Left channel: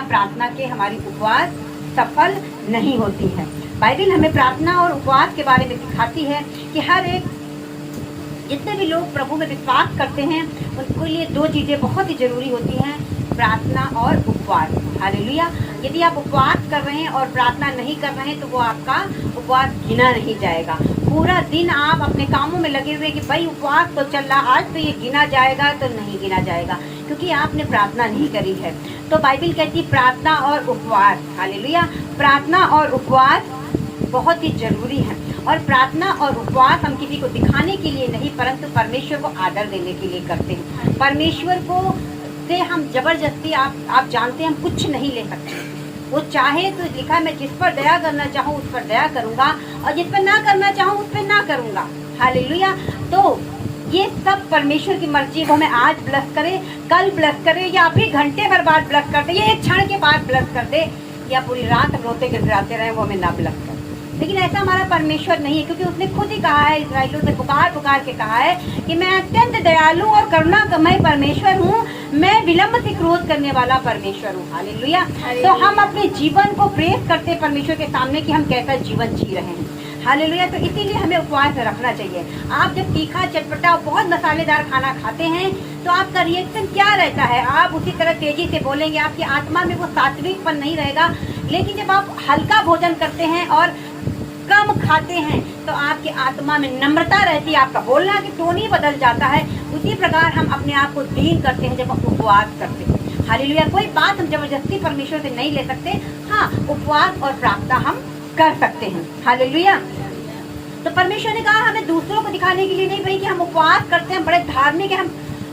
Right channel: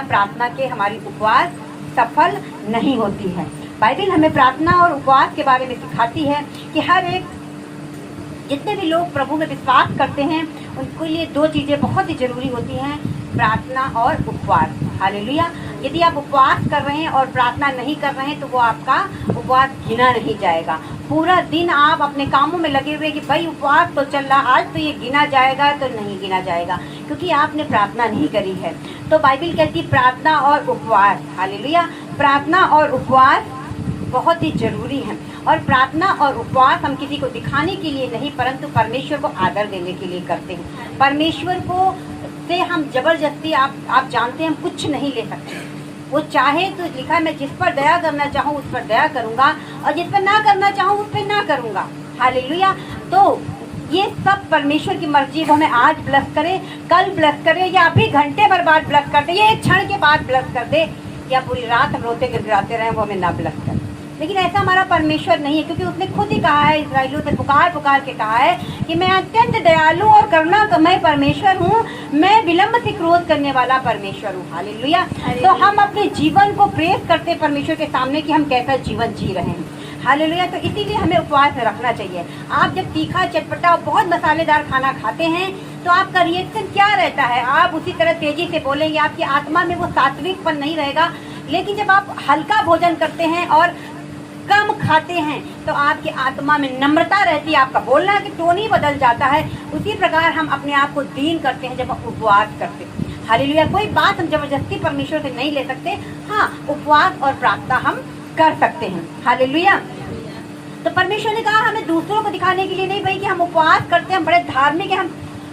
प्रार्थना के हमारी उपवास सफल नहीं होती है। बाइबल हमें प्रार्थना और उपवास के बारे में सिखाती है कि हर एक जितने भी लोग प्रभु में विश्वास करते हैं उनके लिए दो चीजें बहुत ही जरूरी होती हैं, प्रार्थना और उपवास। हालेलुया। यदि आप उपवास कर रहे हैं और प्रार्थना नहीं कर रहे हैं तो वो आपका उपवास गिना नहीं जाएगा। पूरा दिन आप अपने कामों में लगे हुए कि भाई उपवास तो चल रहा, आज तो ये गिना जाएगा, तो नहीं गिना जाएगा क्योंकि आपने प्रार्थना नहीं करी है। तो बाइबल कहती है प्रार्थना और उपवास, हालेलुया, प्रार्थना और उपवास बहुत ही जरूरी है। और प्रार्थना और उपवास हम किसी को दिखाने के लिए नहीं परंतु परमेश्वर को आदर देने के लिए करते हैं। परमेश्वर को से हम जबरदस्ती आप जानते हैं हम कुछ नहीं ले सकते। वो चाहे तो लिखा है मैं जिस पर दया करना चाहूँ उस पर दया करूंगा और जिस पर ना करना चाहूँ उस पर ना करूंगा। हालेलुया। तो ये सब परमेश्वर की मर्जी। वो हमें आज ब्लेस करे, कल ब्लेस करे या अभी घंटे भर बाद ब्लेस कर दे, ये एक क्षण के बाद ब्लेस कर दे या पूरी रात रोते गिड़गिड़ाते रहे, वो हमें ना ब्लेस करे। लेकिन ऐसा हमारा परमेश्वर नहीं है क्योंकि उसने खुद ही कहा है, इस्राएलियों से पुकार पुकार के कहा है कि मैं अत्यंत दयालु और करुणामय परमेश्वर हूँ, मैं विलंब से क्रोध करने वाला परमेश्वर हूँ। हालेलुया। तो हम अपने जीवन को प्रेस करते परमेश्वर के सामने कि हम कैसा जीवन जी रहे हैं। हालेलुया। तो इसीलिए हमें उपवास रखना चाहिए। आप जब तीखा चटपटा बहुत मसालेदार खाना खाते हैं तो आपका रिएक्शन क्या रहता है? आप उसी तरह तेजी से बोलेंगे, आपकी आत्मा में वो सात्विकपन नहीं रहेगा। लेकिन जब आप हल्का भोजन करते हैं और कम खाते हैं तो आपकी आत्मा में नम्रता रहती है, आपका बोलना की टोन ही बदल जाता है। उसी प्रकार हम अपने आप को दीन करते हैं जब हम उपवास करते हैं। हालेलुया। कोई बात हम जबरदस्ती परमेश्वर से नहीं ले सकते। हाँ, उपवास और प्रार्थना हम कर सकते हैं। हालेलुया। तो परमेश्वर ने कहा हमें दूसरों को दिखाने के लिए नहीं भाई कि हम उपवास करते हैं, बड़े धार्मिक है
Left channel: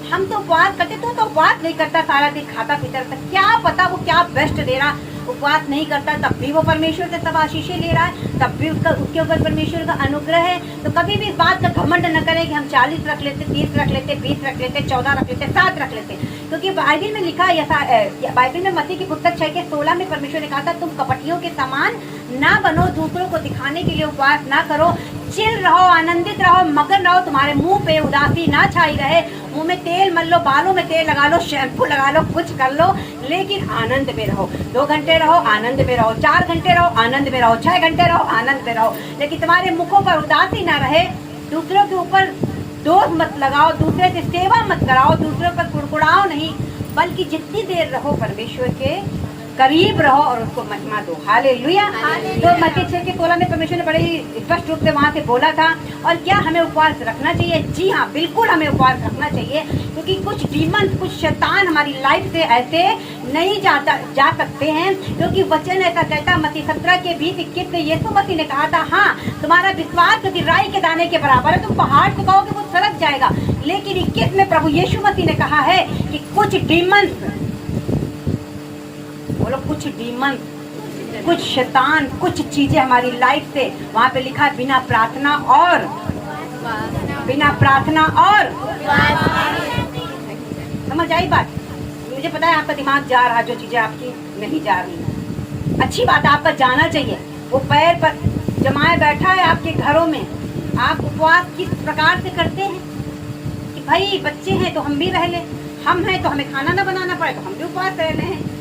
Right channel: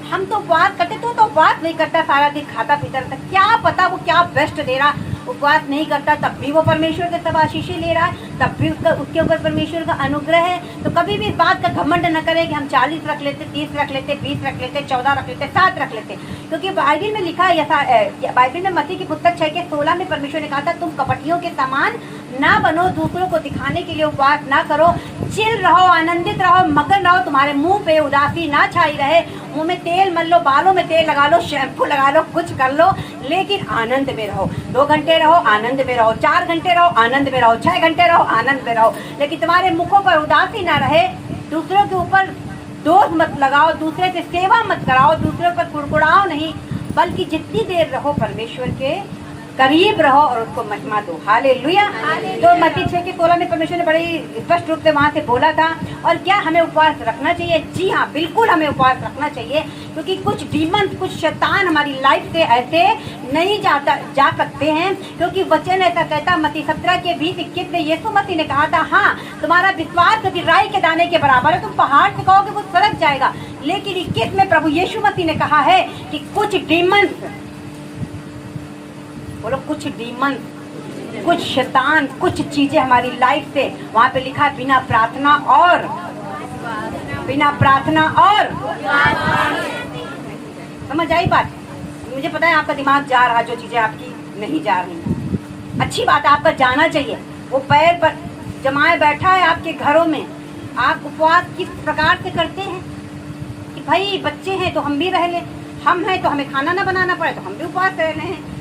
हम तो उपवास करते, तो उपवास नहीं करता, सारा दिन खाता पीता रहता, क्या पता वो क्या बेस्ट दे रहा। उपवास नहीं करता तब भी वो परमेश्वर से सब आशीषें ले रहा है, तब भी उसके ऊपर परमेश्वर का अनुग्रह है। तो कभी भी इस बात का घमंड न करे कि हम 40 रख लेते, 30 रख लेते, 20 रख लेते, 14 रख लेते, 7 रख लेते। क्योंकि बाइबल में लिखा है, बाइबल में मत्ती की पुस्तक 6:16 में परमेश्वर ने कहा था तुम कपटियों के समान ना बनो, दूसरों को दिखाने के लिए उपवास ना करो, चिल रहो, आनंदित रहो, मगन रहो, तुम्हारे मुंह पे उदासी ना छाई रहे। मुंह में तेल मल लो, बालों में तेल लगा लो, शैम्पू लगा लो, कुछ कर लो, लेकिन आनंद में रहो। 2 घंटे रहो, आनंद में रहो, 4 घंटे रहो, आनंद में रहो, 6 घंटे रहो, आनंद में रहो, लेकिन तुम्हारे मुखों पर उदासी ना रहे। दूसरों के ऊपर दोष मत लगाओ, दूसरे की सेवा मत कराओ, दूसरों पर कुड़कुड़ाओ नहीं, बल्कि जितनी देर रहो परमेश्वर के करीब रहो और उसको महिमा दो। हालेलुया। तो मत्ती 6:16 में परमेश्वर ने बड़े स्पष्ट रूप से वहाँ से बोला था। और क्या हमें उपवास रखना चाहिए? जी हाँ, बिल्कुल हमें उपवास रखना चाहिए क्योंकि कुछ डीमन, कुछ शैतान हमारी लाइफ से ऐसे नहीं जा सकते हैं। क्योंकि वचन ऐसा कहता, मत्ती 17:20-21 में यीशु मसीह ने कहा था, हाँ तुम्हारा विश्वास यदि राई के दाने के बराबर है, तुम पहाड़ से कहोगे वो सड़क जाएगा। लेकिन 21 में प्रभु यीशु मसीह ने कहा है कि कुछ डीमंस, बोलो कुछ डीमन, कुछ शैतान, कुछ चीजें हमारी लाइफ से, वहाँ पे लिखा है बिना प्रार्थना और समझ आई बात? मुझे पता है आपका दिमाग जा रहा, जो चीजें आपकी नहीं जा रही। अच्छी बात है, आपका जाना चाहिए। वो पैर पर जमाए बैठा है आपके घरों में। आप उपवास किस प्रकार से करते हैं कि भाई बच्चे हैं तो हम भी रह ले, हम हैं तो हमें खाना ना बनाना पड़े तो हम भी उपवास रह रहे हैं।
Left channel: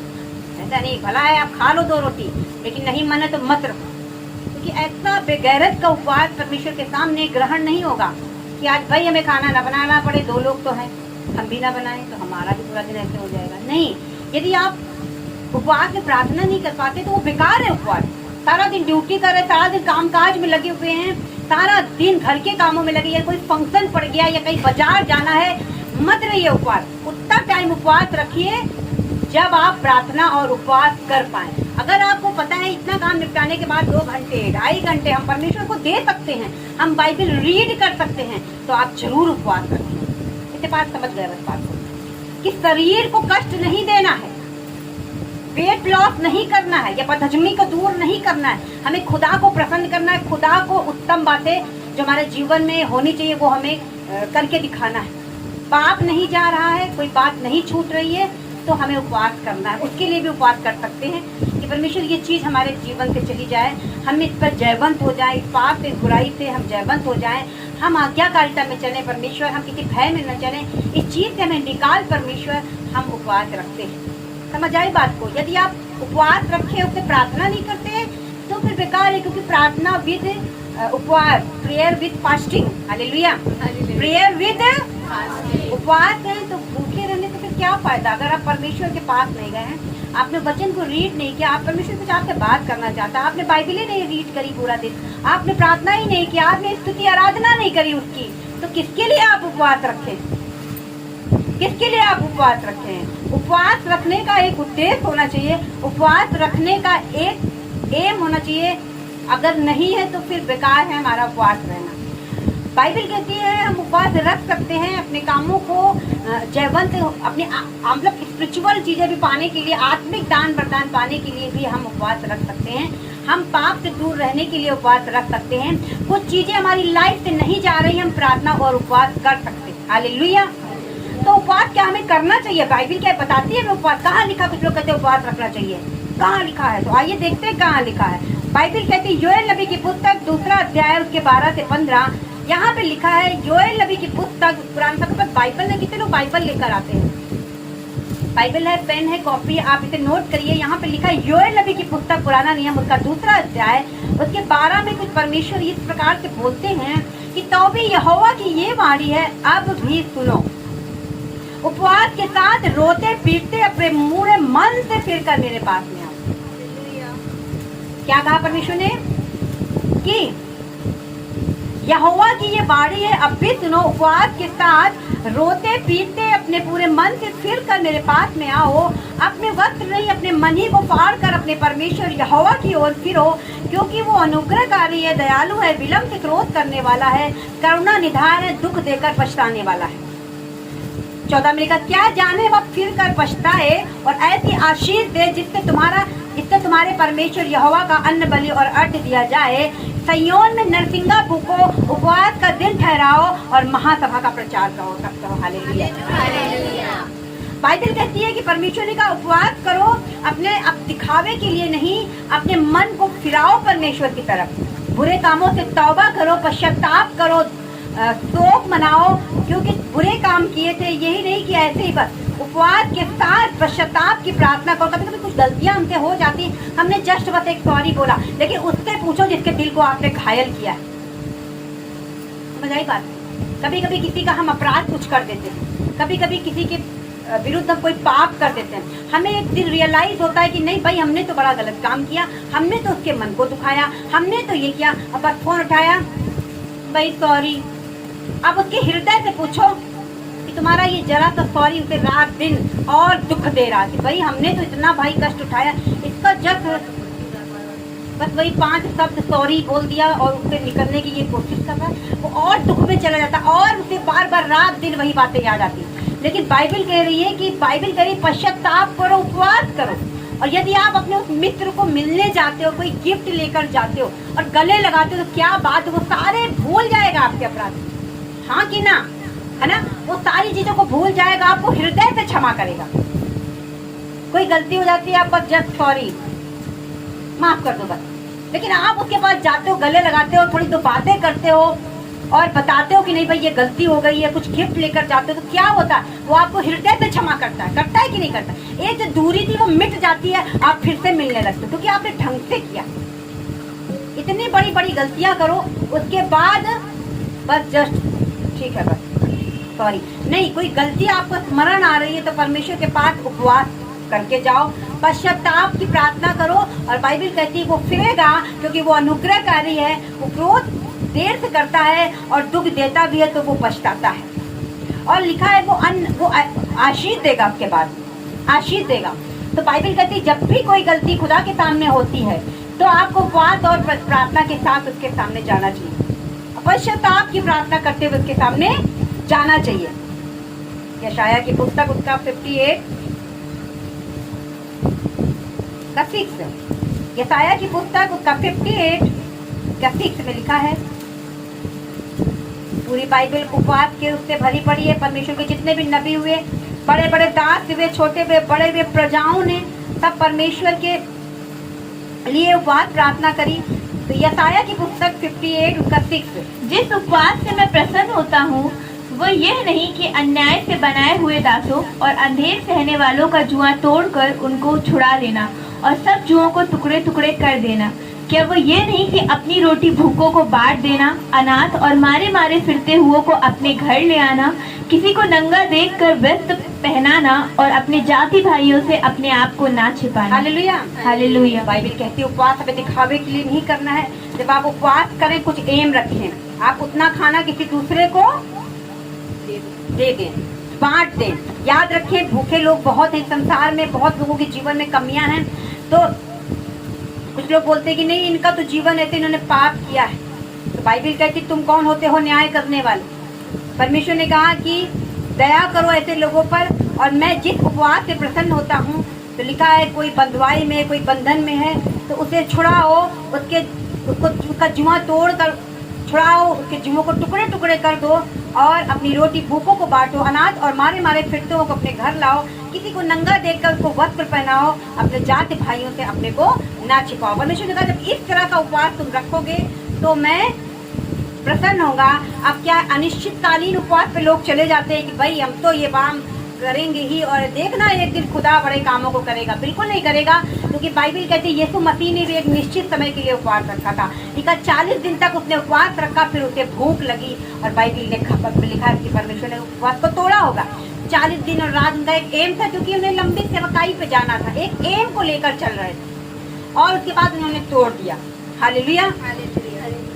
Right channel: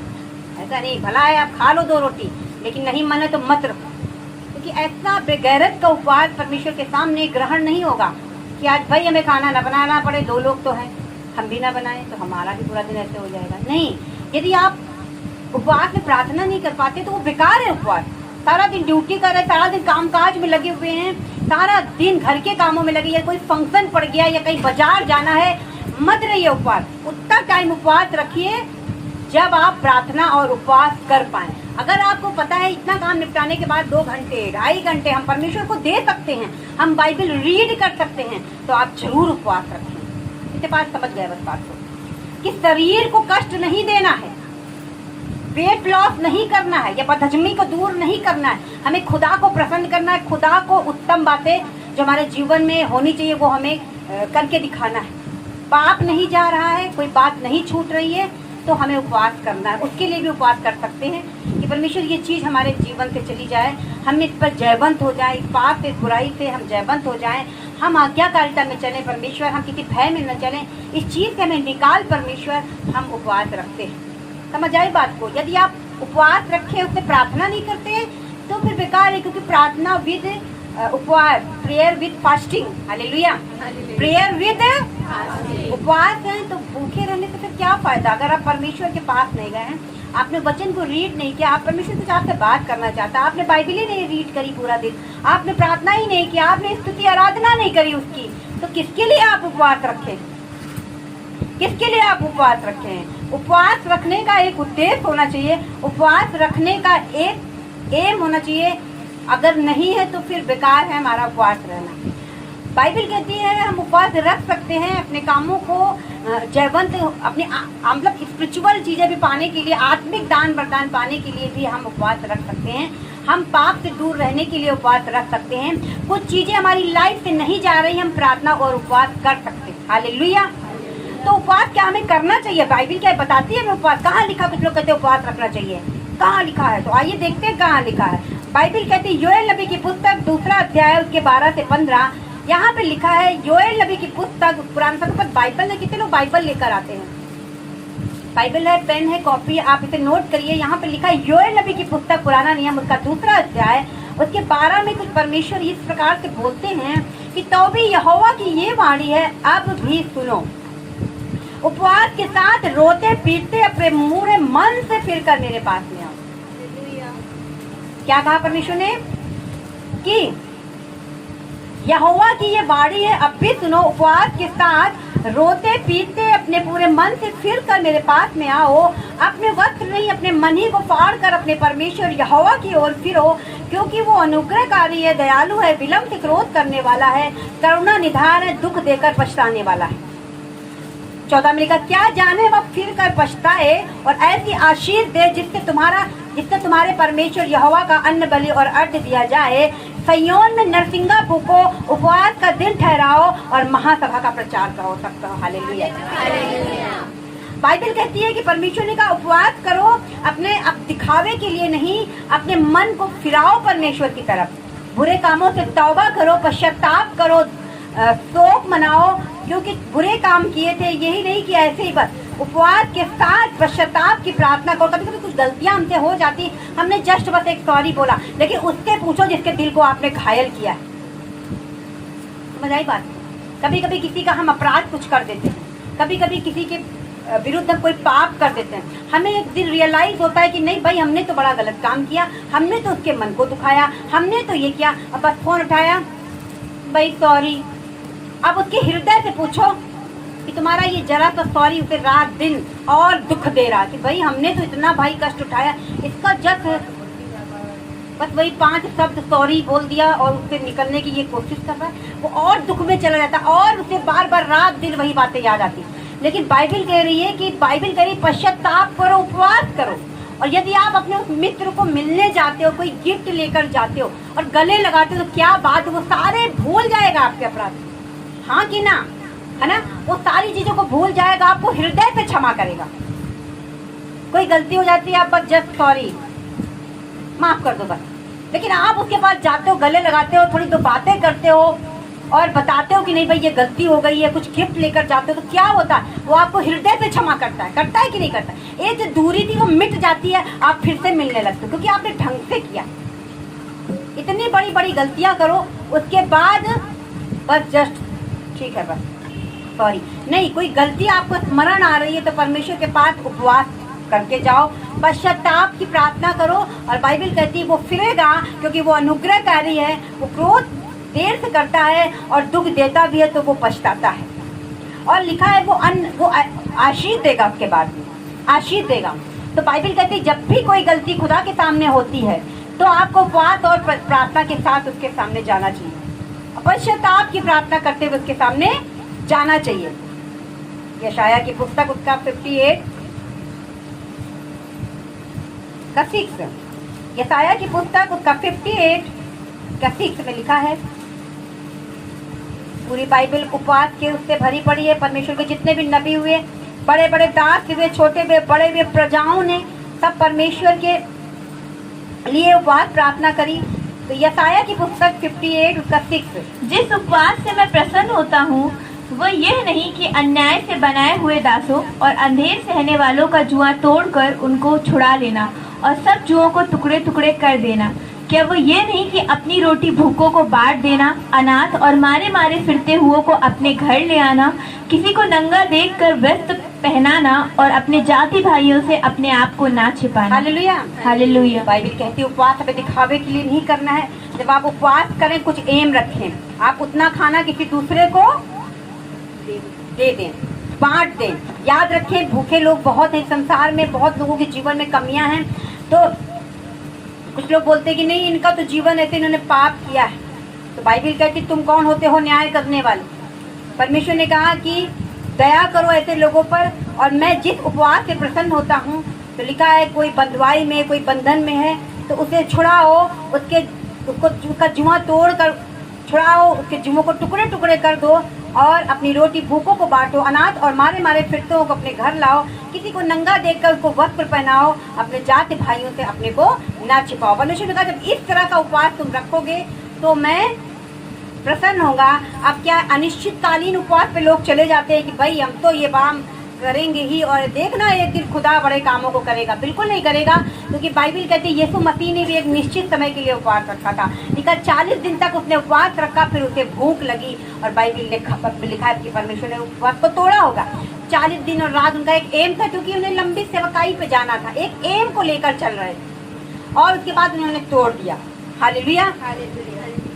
ऐसा नहीं, भला है आप खा लो 2 रोटी, लेकिन नहीं मन है तो मत रखो। क्योंकि ऐसा बेगैरत का उपवास परमेश्वर के सामने ग्रहण नहीं होगा कि आज भाई हमें खाना ना बनाना पड़े, 2 लोग तो हैं, हम भी ना बनाएं तो हमारा भी पूरा दिन ऐसे हो जाएगा। नहीं, यदि आप उपवास में प्रार्थना नहीं कर पाते तो वो बेकार है उपवास। सारा दिन ड्यूटी कर रहे, सारा दिन कामकाज में लगे हुए हैं, सारा दिन घर के कामों में लगे, या कोई फंक्शन पड़ गया या कहीं बाजार जाना है, मत रहिए उपवास। उतना टाइम उपवास रखिए जब आप प्रार्थना और उपवास कर पाएं। अगर आपको पता है इतना काम निपटाने के बाद 2 घंटे 2.5 घंटे हम परमेश्वर को दे सकते हैं, हम बाइबल रीड कर सकते हैं, तो आप जरूर उपवास रखें। इसके पास समझ गए बस बात को कि शरीर को कष्ट नहीं देना है, वेट लॉस नहीं करना है, या बदहजमी को दूर नहीं करना है, हमें खुदा को प्रसन्न करना है। खुदा को उत्तम बातें जो हमारे जीवन में होनी चाहिए वो हमें करके दिखाना है। पाप नहीं जा रहा है, कोई बात नहीं छूट रही है तो हमें उपवास करना है। उसके लिए भी उपवास कर सकते हैं कि परमेश्वर ये चीज हमारे जीवन से चली जाए, हम इस पर जयवंत हो जाए, इस पाप से, बुराई से हम जयवंत हो जाएं, हम आज्ञाकारिता में चलें परमेश्वर, हम किसी भय में न चलें, इस चीज से हमें निकाल परमेश्वर, हम उपवास रखते हैं। समझ आई बात को? यदि आप उपवास रखे उससे प्रार्थना नहीं करते तो फिर बेकार है, क्योंकि प्रार्थना विद उपवास, prayer with fasting, hallelujah, prayer with उपवास है तो भूखे रहने से फिर क्या फायदा? अगर आप परमेश्वर के पास नहीं गए हैं, आपने वचन को रीड नहीं किया, आप परमेश्वर कुछ आपसे बात करना चाहता, आपने बाइबल ही नहीं रीड करी पूरा दिन, आपने प्रार्थना ही नहीं किया, आपने स्तुति आराधना नहीं करी उसकी, तो किसके लिए आप उपवास रखें? किसके लिए आप उपवास रखें? उपवास रखने का एक उद्देश्य होना चाहिए, उपवास रखने का एक एम होना चाहिए। अगर नहीं है तो फिर बेकार है हमारा उपवास रहना। बाइबल कहती है हम उपवास रख सकते हैं अपने कामों को जयवंत, अपने मतलब स्पिरिचुअल चीजें भी पाने के लिए, आत्मिक दान वरदान पाने के लिए भी हम उपवास रख सकते हैं। हम पाप से दूर रहने के लिए उपवास रख सकते हैं। कुछ चीजें हमारी लाइफ से नहीं जा रही, हम प्रार्थना और उपवास कर सकते हैं। हालेलुया। तो उपवास क्या हमें करना चाहिए? बाइबल क्या बताती है? उपवास कहाँ लिखा? कुछ लोग कहते हैं उपवास रखना चाहिए, कहाँ लिखा है? तो आइए देखते हैं कहाँ लिखा है। बाइबल कहती है योएल नबी की पुस्तक 2 अध्याय उसके 12 से 15, यहाँ पे लिखा है योएल नबी की पुस्तक। पुराना समय बाइबल में कितने लोग बाइबल लेकर आते हैं? बाइबल है, पेन है, कॉपी, आप इसे नोट करिए। यहाँ पे लिखा है योएल नबी की पुस्तक पुराना नियम उसका 2 अध्याय उसके 12 में कुछ परमेश्वर इस प्रकार से बोलते हैं कि तो भी यहोवा की ये वाणी है, अब भी सुनो, उपवास के साथ रोते पीटते अपने मूढ़े मन से फिर कर मेरे पास में आओ। क्या कहा परमेश्वर ने? कि यहोवा की ये वाणी है, अब भी सुनो, उपवास के साथ रोते पीटते अपने पूरे मन से फिर कर मेरे पास में आओ। अपने वस्त्र नहीं, अपने मन ही को फाड़ कर अपने परमेश्वर यहोवा की ओर फिरो, क्योंकि वो अनुग्रहकारी है, दयालु है, विलंब से क्रोध करने वाला है, करुणा निधान है, दुख देकर पछताने वाला है। 14 में लिखा, क्या जाने वह फिर कर पछताए और ऐसी आशीष दे जिससे तुम्हारे परमेश्वर यहोवा का अन्न बलि और अर्घ्य दिया जाए। सयोन में नरसिंगा फूको, उपवास का दिन ठहराओ और महासभा का प्रचार करो, तब करो हालेलुया। बाइबल कहती है कि परमेश्वर ने कहा उपवास करो, अपने दिखावे के लिए नहीं, अपने मन को फिराओ परमेश्वर की तरफ, बुरे कामों से तौबा करो, पश्चाताप करो, शोक मनाओ, क्योंकि बुरे काम किए थे। यही नहीं कि ऐसे ही बस उपवास के साथ पश्चाताप की प्रार्थना करो। कभी कभी कुछ गलतियां हमसे हो जाती, हमने जस्ट बस एक सॉरी बोला, लेकिन उससे पूछो जिसके दिल को आपने घायल किया है। समझ आई बात? कभी कभी किसी का हम अपराध कुछ कर देते हैं, कभी कभी किसी के विरुद्ध हम कोई पाप कर देते हैं, हमें एक दिन रियलाइज होता है कि नहीं भाई हमने तो बड़ा गलत काम किया, हमने तो उसके मन को दुखाया, हमने तो ये किया। अब बस फोन उठाया, भाई सॉरी। अब उसके हृदय से पूछो कि तुम्हारा ये जरा सा सॉरी उसे रात दिन और दुख दे रहा कि भाई हमने तो इतना भाई कष्ट उठाया, इसका जस्ट बस वही 5 शब्द सॉरी बोल दिया और उससे निकलने की ये कोशिश कर रहा, वो और दुख में चला जाता और उसे बार बार रात दिन वही बातें याद आती। लेकिन बाइबल कह रही है कि पश्चाताप करो, उपवास करो। और यदि आप अपने उस मित्र को मिलने जाते हो, कोई गिफ्ट लेकर जाते हो और गले लगाते हो, तो क्या बात, वो सारे भूल जाएगा आपके अपराध, हाँ कि ना, है ना? वो सारी चीजों को भूल जाएगा, आपको हृदय से क्षमा करेगा। कोई गलती हो जाती है, आप बस जस्ट सॉरी, माफ कर दो बस। लेकिन आप उसके पास जाते हो, गले लगाते हो, थोड़ी दो बातें करते हो और बताते हो कि नहीं भाई ये गलती हो गई है, कुछ गिफ्ट लेकर जाते हो, तो क्या होता है? वो आपको हृदय से क्षमा करता है कि नहीं करता? एक जो दूरी थी वो मिट जाती है, आप फिर से मिलने लगते हो, क्योंकि आपने ढंग से किया। इतनी बड़ी बड़ी गलतियां करो, उसके बाद बस जस्ट ठीक है बस सॉरी नहीं। कोई गलती आपको स्मरण आ रही है तो परमेश्वर के पास उपवास करके जाओ, पश्चाताप की प्रार्थना करो। और बाइबल कहती है वो फिरेगा, क्योंकि वो अनुग्रहकारी है, वो क्रोध देर से करता है और दुख देता भी है तो वो पछताता है। और लिखा है वो आशीष देगा, उसके बाद आशीष देगा। तो बाइबल कहती है जब भी कोई गलती खुदा के सामने होती है तो आपको उपवास और प्रार्थना के साथ उसके सामने जाना चाहिए, पश्चाताप की प्रार्थना करते हुए उसके सामने जाना चाहिए। यशाया की पुस्तक उसका 58 का 6, यशाया की पुस्तक उसका 58 का 6 में लिखा है। पूरी बाइबल उपवास के उससे भरी पड़ी है। परमेश्वर के जितने भी नबी हुए, बड़े बड़े दास हुए, छोटे हुए, बड़े हुए, प्रजाओं ने सब परमेश्वर के लिए उपवास प्रार्थना करी। तो यशाया की पुस्तक 58 उसका 6, जिस उपवास से मैं प्रसन्न होता हूँ वो यह नहीं कि अन्याय से बनाए हुए दासों और अंधेर सहने वालों का जुआ तोड़कर उनको छुड़ा लेना और सब जुओं को टुकड़े टुकड़े कर देना। क्या वो ये नहीं कि अपनी रोटी भूखों को बांट देना, अनाथ और मारे मारे फिरते हुओं को अपने घर ले आना, किसी को नंगा देखकर वस्त्र पहनाना और अपने जाति भाइयों से अपने आप को ना छिपाना। Hallelujah, hallelujah. बाइबल कहती है उपवास हमें दिखावे के लिए नहीं करना है। जब आप उपवास करें कुछ एम रखें, आप उतना खाना किसी दूसरे को दे दें, बांट दें। याद रखें भूखे लोग बहुत हैं संसार में, बहुत लोगों के जीवन में कमियां हैं। तो कुछ लोग बोलते हैं कि नहीं इनका तो जीवन ऐसे, इन्होंने पाप किया है। तो बाइबल कहती तुम कौन होते हो न्याय करने वाले। परमेश्वर ने कहा कि दया करो ऐसे लोगों पर, और मैं जिस उपवास से प्रसन्न होता हूँ। तो लिखा है कोई बंधुआई में, कोई बंधन में है तो उसे छुड़ाओ, उसका जुआ तोड़ कर छुड़ाओ, उसके जुओं को टुकड़े टुकड़े कर दो और अपनी रोटी भूखों को बांटो, अनाथ और मारे मारे फिरतों को अपने घर लाओ, किसी को नंगा देखकर उसको वस्त्र पहनाओ, अपने जाति भाइयों से अपने को ना छिपाओ। परमेश्वर ने कहा जब इस तरह का उपवास तुम रखोगे तो मैं प्रसन्न होगा। अब क्या अनिश्चितकालीन उपवास पे लोग चले जाते हैं कि भाई हम तो ये काम करेंगे ही और देखना एक दिन खुदा बड़े कामों को करेगा। बिल्कुल नहीं करेगा, क्योंकि बाइबल कहती है यीशु मसीह ने भी एक निश्चित समय के लिए उपवास रखा था। लिखा 40 दिन तक उसने उपवास रखा, फिर उसे भूख लगी और बाइबल ने लिखा है कि परमेश्वर ने उपवास को तोड़ा होगा। 40 दिन और रात उनका एक एम था, क्योंकि उन्हें लंबी सेवकाई पे जाना था, एक एम को लेकर चल रहे थे और उसके बाद उन्होंने तोड़ दिया। हालेलुया।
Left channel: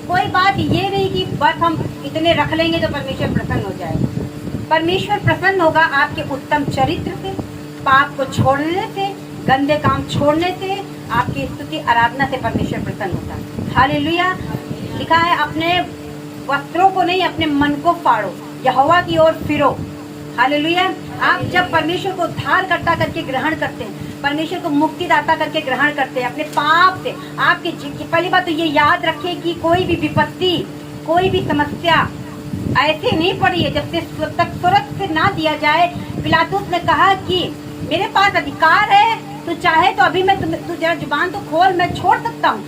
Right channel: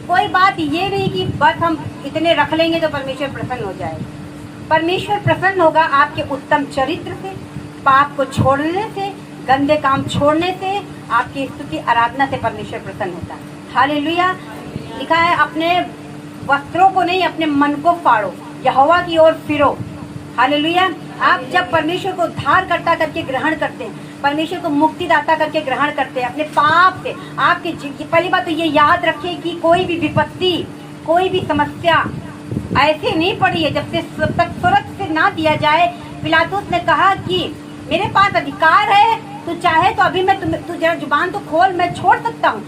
कोई बात ये नहीं कि बस हम इतने रख लेंगे तो परमेश्वर प्रसन्न हो जाएगा। परमेश्वर प्रसन्न होगा आपके उत्तम चरित्र से, पाप को छोड़ने से, गंदे काम छोड़ने से, आपकी स्तुति आराधना से परमेश्वर प्रसन्न होता है। हालेलुया। लिखा है अपने वस्त्रों को नहीं अपने मन को फाड़ो, यहोवा की ओर फिरो। हालेलुया। आप जब परमेश्वर को उद्धारकर्ता करके ग्रहण करते हैं, परमेश्वर को मुक्तिदाता करके ग्रहण करते हैं अपने पाप से, आपके पहली बात तो ये याद रखें कि कोई भी विपत्ति, कोई भी समस्या ऐसे नहीं पड़ी है जब तक स्वर्ग से ना दिया जाए। पिलातुस ने कहा कि मेरे पास अधिकार है, तू चाहे तो अभी मैं तू जरा जुबान तो खोल, मैं छोड़ सकता हूँ।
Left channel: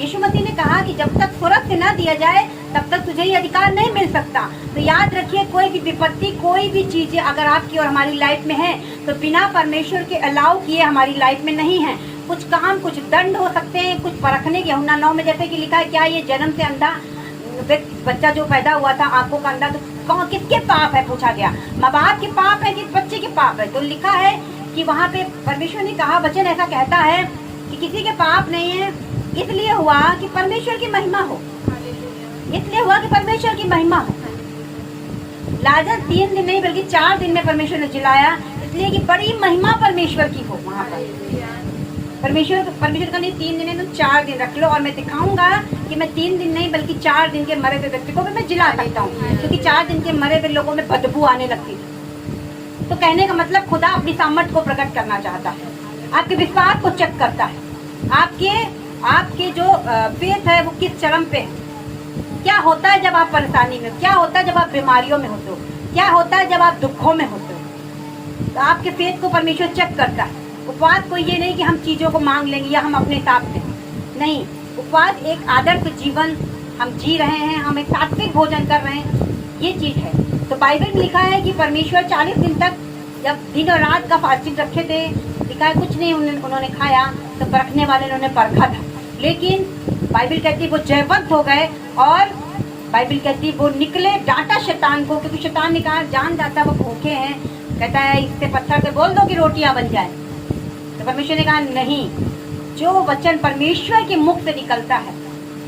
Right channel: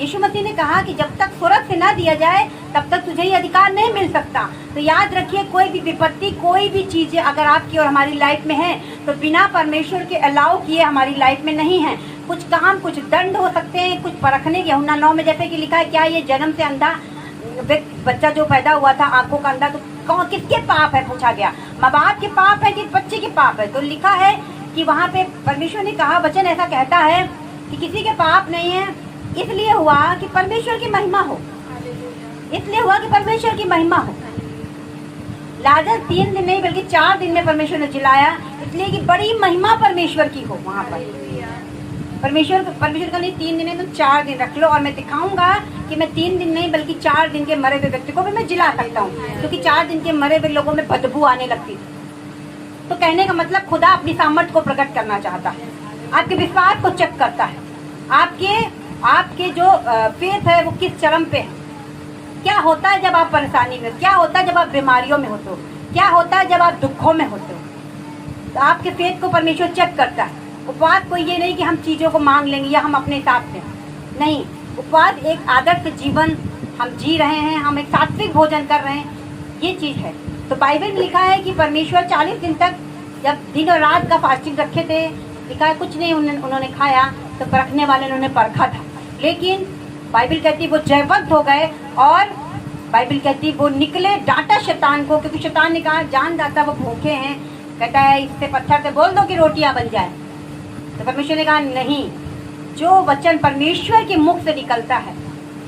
यीशु मसीह ने कहा कि जब तक स्वर्ग से ना दिया जाए तब तक तुझे ये अधिकार नहीं मिल सकता। तो याद रखिए कोई भी विपत्ति, कोई भी चीजें अगर आपकी और हमारी लाइफ में है तो बिना परमेश्वर के अलाउ किए हमारी लाइफ में नहीं है। कुछ काम, कुछ दंड हो सकते हैं, कुछ परखने के। यूहन्ना 9 में जैसे कि लिखा है क्या ये जन्म से अंधा बच्चा जो पैदा हुआ था आंखों का अंधा, तो कौन किसके पाप है पूछा गया, माँ बाप के पाप है कि बच्चे के पाप है। तो लिखा है कि वहाँ पे परमेश्वर ने कहा, वचन ऐसा कहता है कि किसी के पाप नहीं है, इसलिए हुआ कि परमेश्वर की महिमा हो, इसलिए हुआ कि परमेश्वर की महिमा हो। लाजर 3 दिन नहीं बल्कि 4 दिन में परमेश्वर ने जिलाया, इसलिए कि बड़ी महिमा परमेश्वर की हो वहाँ पर। परमेश्वर का नहीं 3 दिन है तुम 4 दिन रख लो, और मैं दिखाऊंगा कि मैं 3 दिन नहीं बल्कि 4 दिन के मरे हुए व्यक्ति को भी मैं जिला सकता हूँ, क्योंकि 4 दिन के मरे हुए लोगों में बदबू आने लगती थी। तो कहने का मतलब खुदा अपनी सामर्थ को प्रकट करना चाहता है, आपके विश्वास को चेक करता है, आपके जो फेथ है वो किस चरम पे है। क्या होता है जब आप परेशानी में, क्या होता है जब आप बीमारियों में होते हो, क्या होता है जब आप दुखों में होते हो। तो आपके फेथ को परमेश्वर चेक करता है। उपवास कोई ये नहीं कि हम चीजों को मांग लेंगे या हम अपने हिसाब से, नहीं। उपवास एक आदर्श जीवन हम जी रहे हैं, हम एक सात्विक भोजन कर रहे हैं, ये चीज है। तो बाइबल में लिखा है कि परमेश्वर 40 दिन तक जब दिन और रात का फास्टिंग रखे थे, लिखा है कुछ नहीं उन्होंने खाया, तो परखने वाले उन्होंने परखा था, लेकिन बाइबल कहती वो जयवंत हो गए। और बाइबल कहती वो निकले, डांटा शैतान को, क्योंकि शैतान ने कहा जान जाता वो भूखे हैं, कहता है इससे पत्थर से बोल दो कि रोटियां बन जाए। तो परमेश्वर ने कहा नहीं, जो वचन परमेश्वर के मुख से निकलता है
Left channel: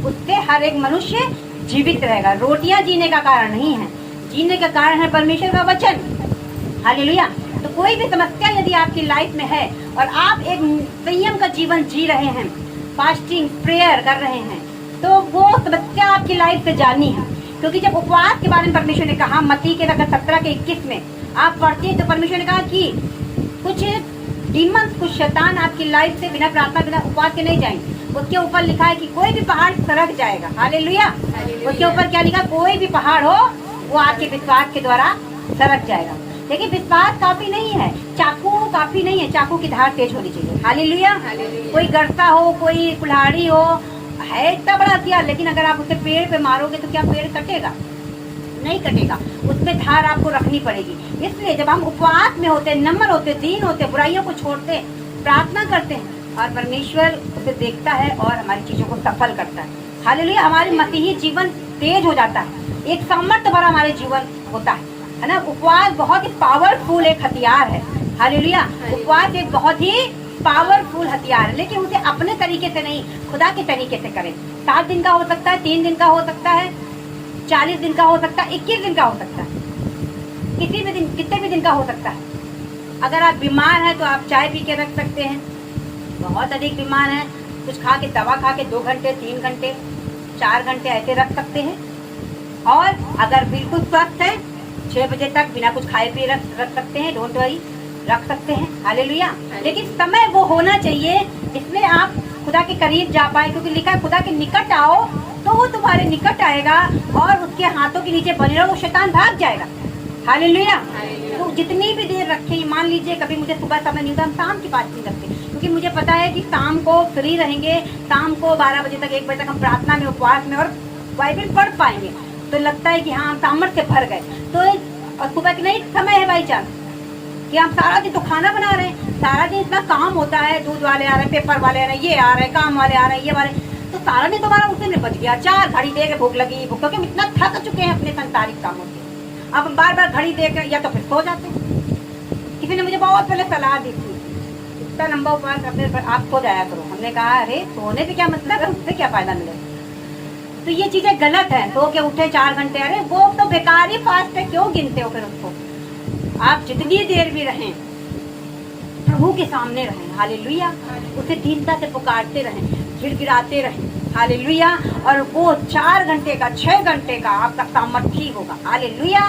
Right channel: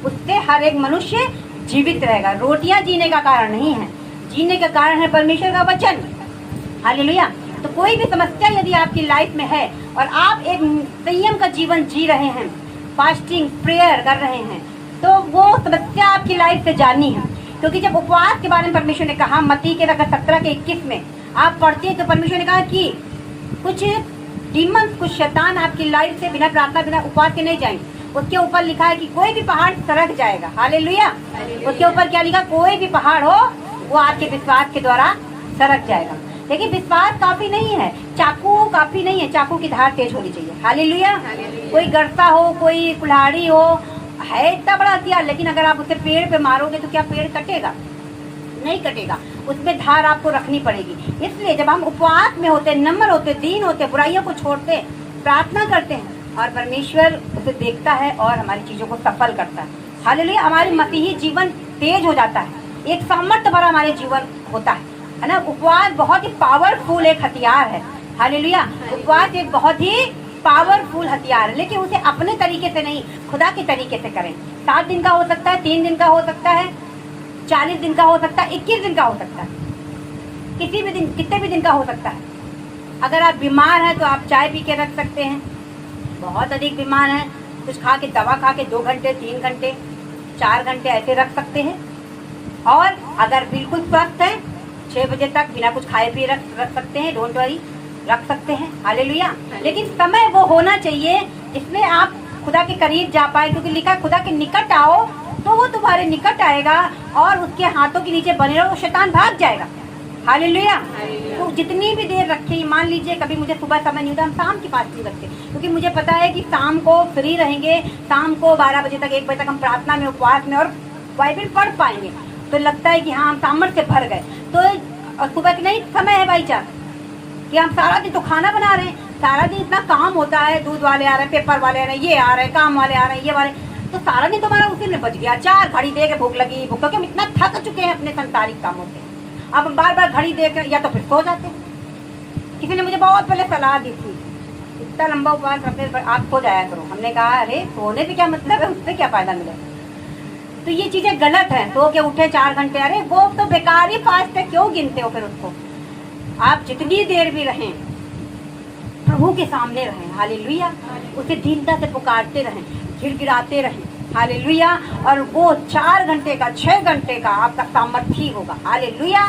उससे हर एक मनुष्य जीवित रहेगा। रोटियां जीने का कारण नहीं है, जीने का कारण है परमेश्वर का वचन। हालेलुया। तो कोई भी समस्या यदि आपकी लाइफ में है और आप एक संयम का जीवन जी रहे हैं, फास्टिंग प्रेयर कर रहे हैं, तो वो समस्या आपकी लाइफ से जानी है। क्योंकि जब उपवास के बारे में परमेश्वर ने कहा, मत्ती के 17:21 में आप पढ़ते हैं, तो परमेश्वर ने कहा कि कुछ डीमंस, कुछ शैतान आपकी लाइफ से बिना प्रार्थना, बिना उपवास के नहीं जाएंगे। उसके ऊपर लिखा है कि कोई भी पहाड़ सरक जाएगा। हालेलुया। उसके ऊपर क्या लिखा, कोई भी पहाड़ हो वो आपके विश्वास के द्वारा सरक जाएगा। लेकिन विश्वास काफी नहीं है, चाकू काफी नहीं है, चाकू की धार तेज होनी चाहिए। हालेलुया। कोई गरसा हो, कोई कुल्हाड़ी हो, है इतना बड़ा हथियार, लेकिन अगर आप उसे पेड़ पे मारोगे तो क्या पेड़ कटेगा? नहीं कटेगा, उसमें धार आपको रखनी पड़ेगी। इसलिए जब हम उपवास में होते, नम्र होते, दीन होते, बुराइयों को छोड़ते, प्रार्थना करते हैं और परमेश्वर उसे देखता है और हमारी चीजों को सफल करता है। हालेलुया। हमारे मसीही जीवन तेज हो जाता है, एक सामर्थ्य भरा हमारे जीवन होता है ना। उपवास बहुत ही पावरफुल एक हथियार है। हालेलुया। उपवास एक बहुत ही पावरफुल हथियार है, लेकिन उसे अपने तरीके से नहीं, खुदा के तरीके से करें। 7 दिन का हो सकता है, 3 दिन का हो सकता है, 40 दिन का हो सकता है, 21 दिन का हो सकता है, किसी भी दिन, कितने भी दिन का हो सकता है। अगर आप बीमार हैं तो आप चाय पी के रख सकते हैं। बहुत अधिक बीमार हैं, कुछ खा के, दवा खा के 2 घंटे, 3 घंटे, 4 घंटे ऐसे रख सकते हैं। और अगर बिल्कुल स्वस्थ है, 6 बजे तक बिना कुछ खाए पिए रख सकते हैं। डोंट वरी, रख सकते हैं। हालेलुया। लेकिन समय वो होना चाहिए जिसमें आप खुदा के करीब जा पाए, क्योंकि लिखा खुदा के निकट आओ तो वो तुम्हारे निकट आएगा और उसके हाथों के नीचे बने रहो, वो शैतान भाग जाएगा। हालेलुया। तो जितनी भी देर रखे, मान लीजिए कभी मुझे सुबह समय नहीं होता, हम शाम की फास्टिंग रखते, क्योंकि मुझे पता है कि शाम को फ्री रहेंगे, शाम को 12 बजे तक, 1 बजे तक हम प्रार्थना में, उपवास में और बाइबल पढ़ पाएंगे। तो लगता है कि हाँ, हम सामर्थ्य भर गए। तो सुबह का नहीं समय है भाई चार कि हम सारा दिन तो खाना बना रहे हैं, सारा दिन इतना काम होता है, दूध वाले आ रहे हैं, पेपर वाले आ रहे हैं, ये आ रहे हैं, काम वाले आ रहे हैं, ये वाले, तो सारा दिन तुम्हारा उसी में बच गया। 4 घड़ी दे के भूख लगी, भूख क्योंकि हम इतना थक चुके हैं अपने संसारिक कामों से। अब हम बार बार घड़ी देख या तो फिर सो जाते हैं। किसी ने मुझे बहुत पहले सलाह दी थी, इतना लंबा उपवास करते आप सो जाया करो। हमने कहा अरे सोने से क्या मतलब है, उससे क्या फायदा मिलेगा। तो ये चीजें गलत है। तो क्या उठे 4 घंटे, अरे वो तो बेकार ही फास्ट है, क्यों गिनते हो फिर उसको। आप जितनी देर भी रहें प्रभु के सामने रहें। हालेलुया। उसे दीनता से पुकारते रहें, गिड़गिड़ाते रहें। हालेलुया। और वो 4 घंटे का, 6 घंटे का आपका सामर्थ्य होगा। हालेलुया।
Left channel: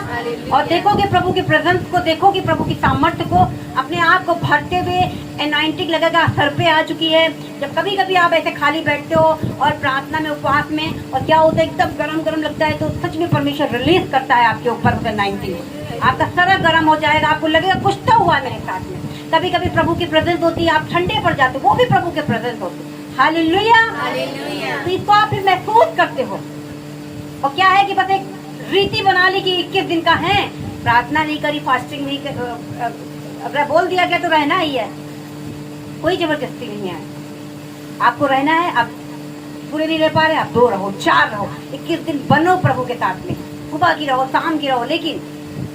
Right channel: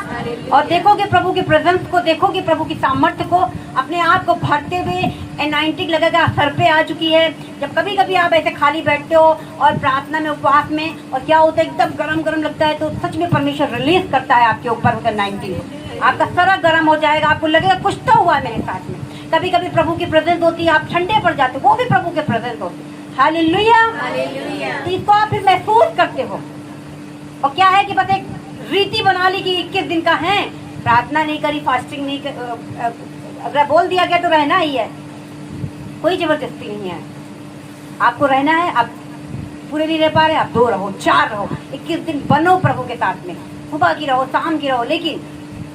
और देखोगे प्रभु की प्रेजेंस को, देखोगे प्रभु की सामर्थ्य को, अपने आप को भरते हुए एनाइंटिक लगेगा, सर पे आ चुकी है। जब कभी कभी आप ऐसे खाली बैठते हो और प्रार्थना में, उपवास में, और क्या होता है एकदम गरम गरम लगता है, तो सच में परमेश्वर रिलीज करता है आपके ऊपर एनाइंटिक। आपका सर गर्म हो जाएगा, आपको लगेगा कुछ तो हुआ मेरे साथ में। कभी कभी प्रभु की प्रेजेंस होती है, आप ठंडे पड़ जाते हो, वो भी प्रभु के प्रेजेंस होती है। हालेलुया। तो इसको आप फिर महसूस करते हो। और क्या है कि बस एक रीति बना ली कि 21 दिन का है, प्रार्थना नहीं करी, फास्टिंग नहीं अगर बोल दिया गया तो रहना ही है, कोई जबरदस्ती नहीं है। आपको रहना है, आप पूरे नहीं रह पा रहे, आप 2 रहो, 4 रहो, 21 दिन बनो प्रभु के साथ में, सुबह की रहो, शाम की रहो, लेकिन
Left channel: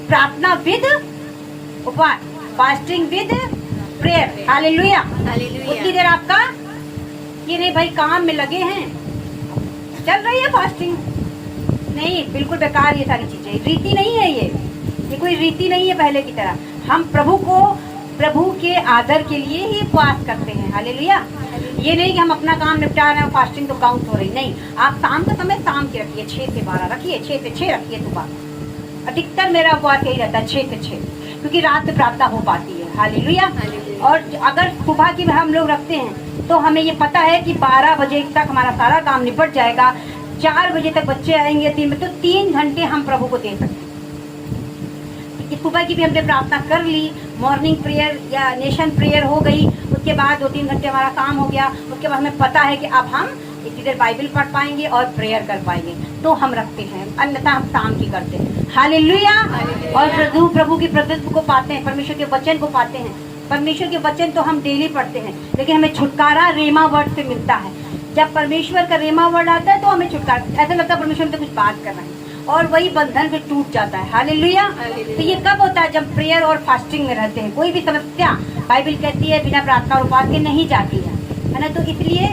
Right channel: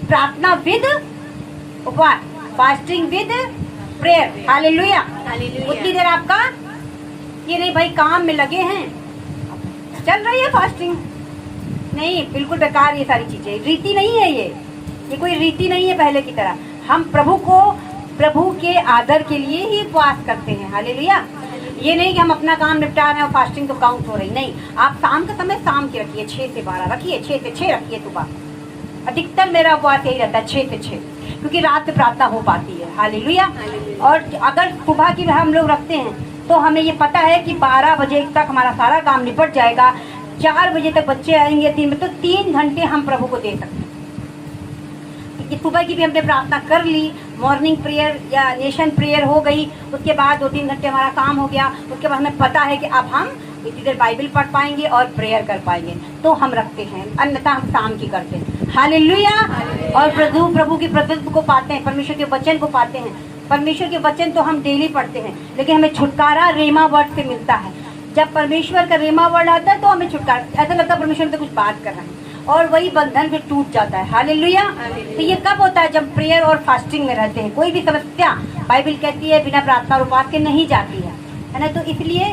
प्रार्थना विद उपवास, फास्टिंग विद प्रेयर। हालेलुया। उतनी देर आपका ये नहीं भाई काम में लगे हैं, चल रही है फास्टिंग, नहीं, बिल्कुल बेकार ये सारी चीजें। रीति नहीं है ये कोई रीति नहीं है पहले की तरह। हम प्रभु के आदर के लिए ही उपवास करते हैं। हालेलुया। ये नहीं कि हम अपना काम निपटा रहे हैं और फास्टिंग तो काउंट हो रही, नहीं। आप शाम का समय शाम की रखिए, 6 से 12 रखिए, 6 से 6 रखिए। सुबह अधिकतर मेरा उपवास यही रहता है, 6 से 6, क्योंकि रात में प्रार्थना हो पाती है। हालेलुया। और अगर सुबह की हम लोग रखते हैं तो हमें ये पता है कि 12 बजे तक हमारा सारा काम निपट जाएगा, 4 बजे तक बच्चे आएंगे 3 बजे, तो 3 घंटे हम प्रभु को दे सकते हैं। सुबह की भी हमने प्रार्थना कर ली, मॉर्निंग प्रेयर या नेशन प्रेयर हो गई, उसके बाद 2-3 घंटे हमारा काम हो गया, उसके बाद हमें पता है कि अब हम इतनी देर बाइबल पढ़ पाएंगे और प्रेयर कर पाएंगे, तो हम रखते हैं, अन्यथा हम शाम की करते हैं। हालेलुया। और प्रभु की प्रेजेंस को पाते हैं, परमेश्वर के वचन को पाते हैं। परमेश्वर के वचन तो हम डेली पढ़ते हैं, लेकिन हमें छुटकारा रेमा वर्ड से मिलता है। जब परमेश्वर का रेमा वर्ड आता है तो हमें छुटकारा, ऐसा लगता है परमेश्वर से कुछ बात कर रहे हैं, और वही बंधन फिर टूट जाता है। हालेलुया। तो ये कब होता है? जब प्रेयर और फास्टिंग में रहते हैं। कोई भी समस्या बाइबल कहती है बिना प्रार्थना और उपवास के नहीं जाती है ना। तो इसलिए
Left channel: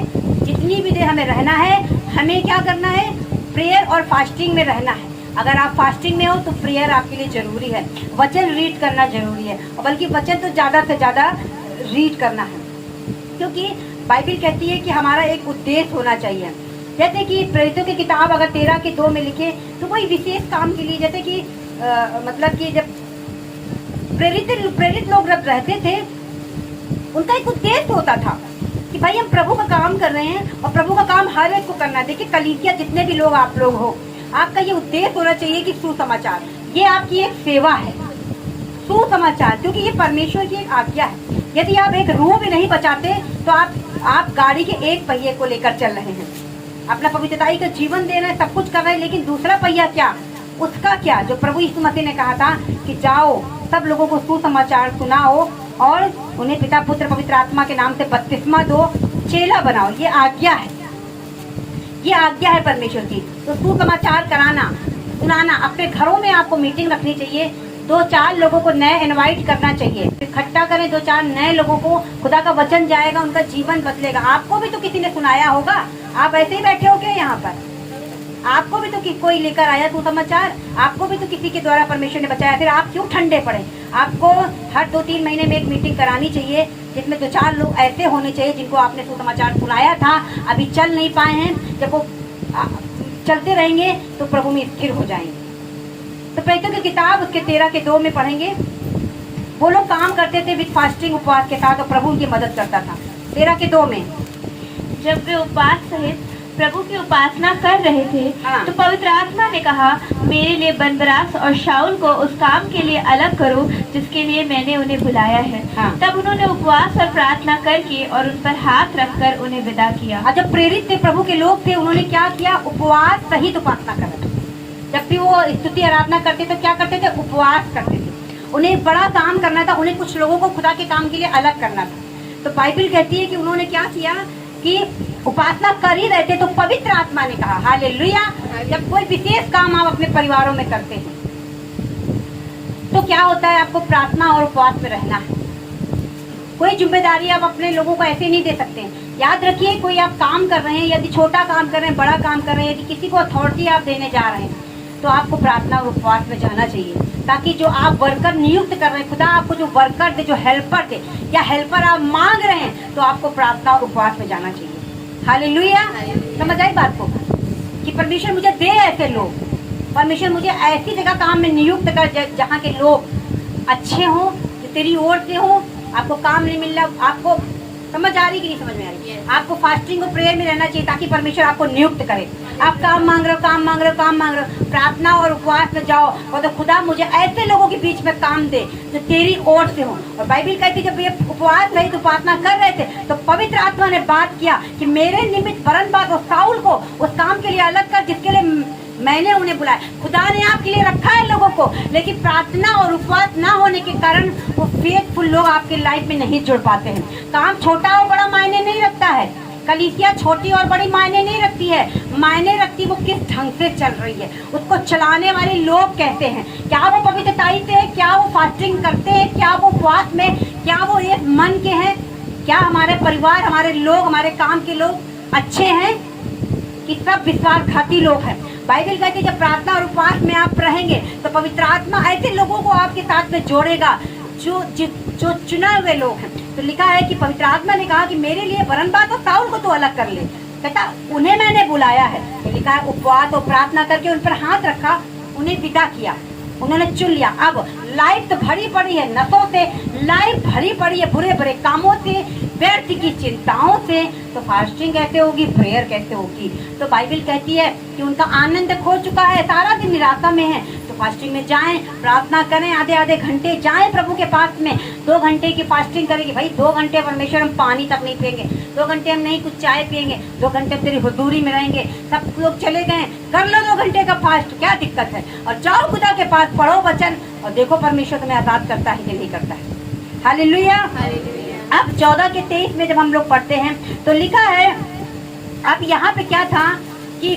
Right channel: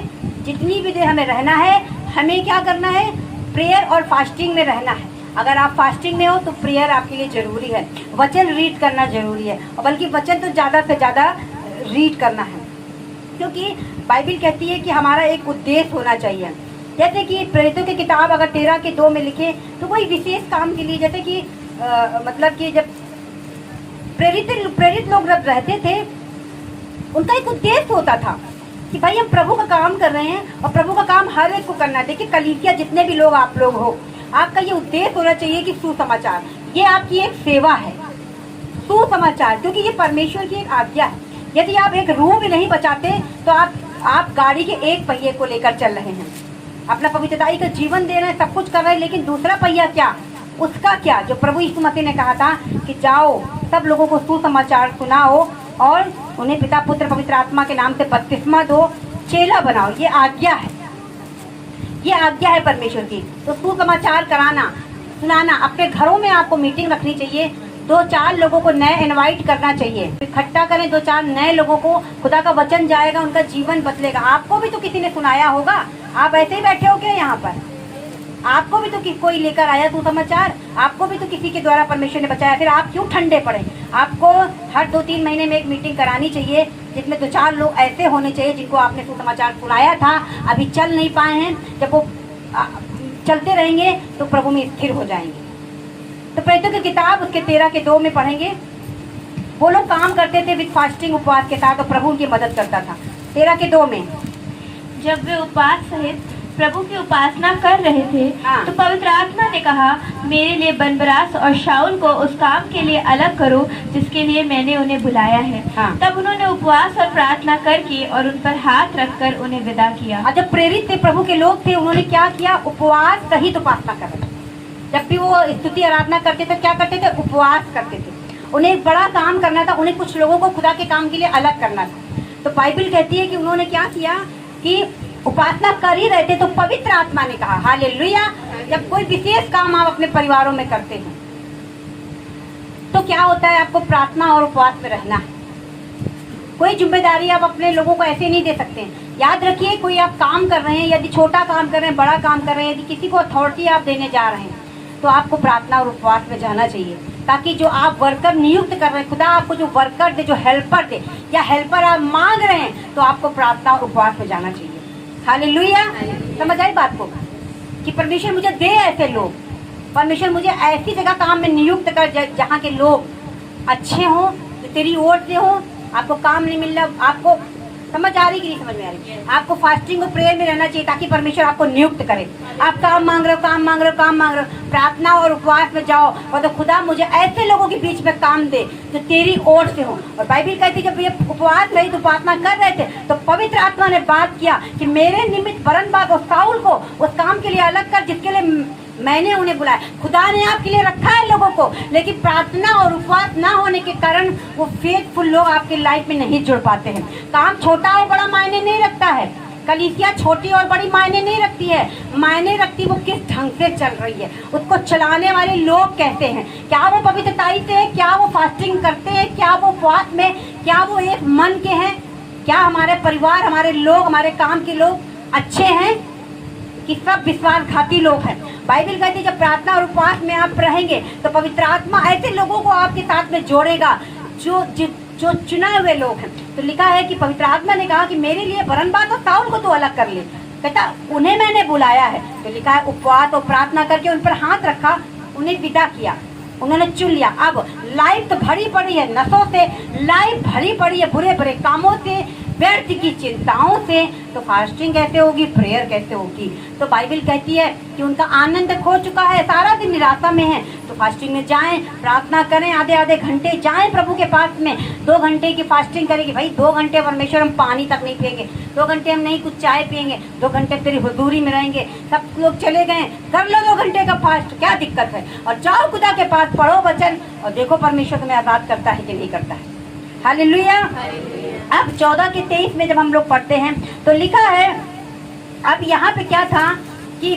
जितनी भी देर हमें रहना है, हमें क्या करना है? प्रेयर और फास्टिंग में रहना है। अगर आप फास्टिंग में हो तो प्रेयर आपके लिए जरूरी है, वचन रीड करना जरूरी है, और बल्कि वचन तो ज्यादा से ज्यादा रीड करना है, क्योंकि बाइबल कहती है कि हमारा एक उद्देश्य होना चाहिए। जैसे कि प्रेरितों की किताब अगर 13:2 में लिखे तो कोई विशेष काम के लिए, जैसे कि मतलब कि जब प्रेरित लोग जब रहते थे, उनका एक उद्देश्य होता था कि भाई हम प्रभु का काम कर रहे हैं और प्रभु का काम हर एक को करना है। देखिए कलीसिया जितने भी लोग आप लोग हो, आपका ये उद्देश्य होना चाहिए कि सुसमाचार, ये आपकी एक सेवा है, सुसमाचार, क्योंकि ये परमेश्वर की एक आज्ञा है। यदि आप एक रूह भी नहीं बचाते तो आप गाड़ी के एक पहिए को लेकर चल रहे हैं, अपना पवित्रताई का जीवन दे रहे हैं, सब कुछ कर रहे हैं, लेकिन दूसरा पहिया क्या? उसका क्या, जो प्रभु यीशु मसीह ने कहा था कि जाओ सब लोगों को सुसमाचार सुनाओ और उन्हें पिता पुत्र पवित्र आत्मा के नाम से बपतिस्मा दो, चेला बनाओ। ये आज्ञा है, ये आज्ञा है परमेश्वर की। तो सुसमाचार कराना, सुनाना, अपने घरों में आपको मीटिंग रखनी चाहिए, 2-4 लोगों को नए इनवाइट करना चाहिए, इकट्ठा करें 2-4 नए लोगों को, खुदा का वचन जाएगा, उनका जीवन बदलेगा। आपको भी तो किसी ने सुनाया होगा, आप ऐसे ही बैठे हो क्या यहाँ पर? आपको भी तो कोई लेकर आया सुसमाचार, आपको भी तो किसी के द्वारा परमेश्वर ने बचाया, फिर आप क्यों ठंडे पड़े? आपको हर 2-3 महीने में एक मीटिंग करानी चाहिए, जिसमें 2-4 लोग ऐसे होने चाहिए जिनको आपने सुसमाचार सुनाया था, अभी चल नहीं पाए हैं, जब वो चलते रहेंगे तो प्रभु में स्थिर हो जाएंगे। तो प्रेरितों की किताब उसके 13:2 में पढ़ेंगे, वो लोग काम करते थे विद फास्टिंग, उपवास के साथ, और प्रभु उनकी मदद करता था। 13:2 में जब वे उपवास सहित प्रभु की उपासना कर रहे थे, तो पवित्र आत्मा ने कहा, मेरे लिए बरनबास और शाऊल को उस काम के लिए अलग करो जिसके लिए मैंने उन्हें बुलाया है। तब उन्होंने उपवास और प्रार्थना करके और उन पर हाथ रखकर उन्हें विदा किया। जब प्रेरित थे, प्रभु के लोग थे, उन्होंने क्या किया? उपवास सहित उपासना कर। जब भी वो स्तुति आराधना करते थे, क्या करते थे? उपवास करते थे। उन्हें बड़ा काम करना था, उन्हें कुछ लोगों को खुदा के काम के लिए अलग करना था। तो बाइबल कहती है कि उन्होंने क्या किया कि उपासना कर ही रहे थे, तो पवित्र आत्मा ने कहा, हालेलुया। जब कोई विशेष काम आप अपने परिवारों में करते हैं तो क्या होता है? आपको प्रार्थना और उपवास में रहना है। कोई जिम्मेदारी आप अपने लोगों को ऐसे नहीं दे सकते हैं। याद रखिए, कोई आप काम कर रहे हैं, यदि छोटा काम कर रहे हैं, बड़ा काम कर रहे हैं, यदि किसी को अथॉरिटी आप देने जा रहे हैं, तो आपको प्रार्थना और उपवास में जाना चाहिए, ताकि जो आप वर्कर नियुक्त कर रहे हैं, खुदा आपको जो वर्कर दे, जो हेल्पर दे, या हेल्पर आप मांग रहे हैं, तो आपको प्रार्थना और उपवास में जाना चाहिए। हालेलुया। समझ आई बात को कि परमेश्वर मुझे दे ऐसे लोग, परमेश्वर मुझे ऐसी जगह काम में नियुक्त कर जहाँ के लोग अच्छे हों, जो तेरी ओर से हो। आपको काम नहीं मिल रहा, आपको समझ आ रही कि नहीं समझ में आ रही? आपको फास्टिंग और प्रेयर में रहना चाहिए, ताकि परमेश्वर आपको नियुक्त करे। आप काम मांग रहे हो, काम मांग रहे हो, काम मांग रहे हो, प्रार्थना और उपवास में जाओ और तो खुदा मुझे ऐसे लोगों के बीच में काम दे जो तेरी ओर से हो। और बाइबल कहती है, जब ये उपवास रही तो उपासना कर रहे थे, तो पवित्र आत्मा ने बात किया कि मेरे निमित्त बरनबास और शाऊल को उस काम के लिए अलग कर जिसके लिए मैंने उन्हें बुलाया। खुदा ने आपके लिए रखा है लोगों को, लेकिन प्रार्थना और उपवास ना होने के कारण वो फेथफुल लोग आपके लाइफ में नहीं जुड़ पाते हैं। काम छोटा और बड़ा मायने नहीं रखता है, कलीसिया छोटी और बड़ी मायने नहीं रखती है, मायने रखती वो किस ढंग से चल रही है, उसको चलाने वाले लोग कहते हैं। क्या वो पवित्रताई से है? क्या वो फास्टिंग करते हैं? क्या वो उपवास में, क्या वो एक मन के हैं? क्या हमारे परिवार, हमारे लोग, हमारे काम के लोग अच्छे हैं कि सब विश्वासघाती लोग हैं? बाइबल कहती है जब प्रार्थना और उपवास में आप रहेंगे तो पवित्र आत्मा ऐसे लोगों को आपके साथ में जोड़ेगा जो चुने हुए लोग हैं। तो लिखा है कि पवित्र आत्मा ने कहा कि मेरे लिए बरनबास और शाऊल को तो अलग कर ले, कहता उन्हें मैंने बुलाया है। तो लिखा है उपवास और प्रार्थना करके उन पर हाथ रखा, उन्हें विदा किया, उन्होंने चुन लिया। अब लाइफ तो भरी पड़ी है नशों से, लाइफ भरी पड़ी है बुरे बुरे कामों से, व्यर्थ की चिंताओं से, तो फास्टिंग कैसे होगी, प्रेयर कैसे होगी? तो बाइबल कहती है कि उनका आनंद खो चुका है, सारा दिन निराशा में है। तो फास्टिंग में जाएं, प्रार्थना करें, आधे घंटे जाएं प्रभु के पास में। 2 घंटे की फास्टिंग करेंगे भाई, 2 घंटे परमेश्वर हम पानी तक नहीं पियेंगे, 2 घंटे हम नहीं कुछ चाय पियेंगे, 2 घंटे तेरी हुजूरी में रहेंगे। सब लोग चले गए, कर लो 2 घंटे का फास्ट, क्या दिक्कत है? और जाओ खुदा के पास, पढ़ो वचन और देखो परमेश्वर तुम्हें आजाद करता है कि नहीं करता है। हालेलुया। अब 14:23 में जब हम लोग पढ़ते हैं तो लिखा है, अब यहाँ पे क्या था कि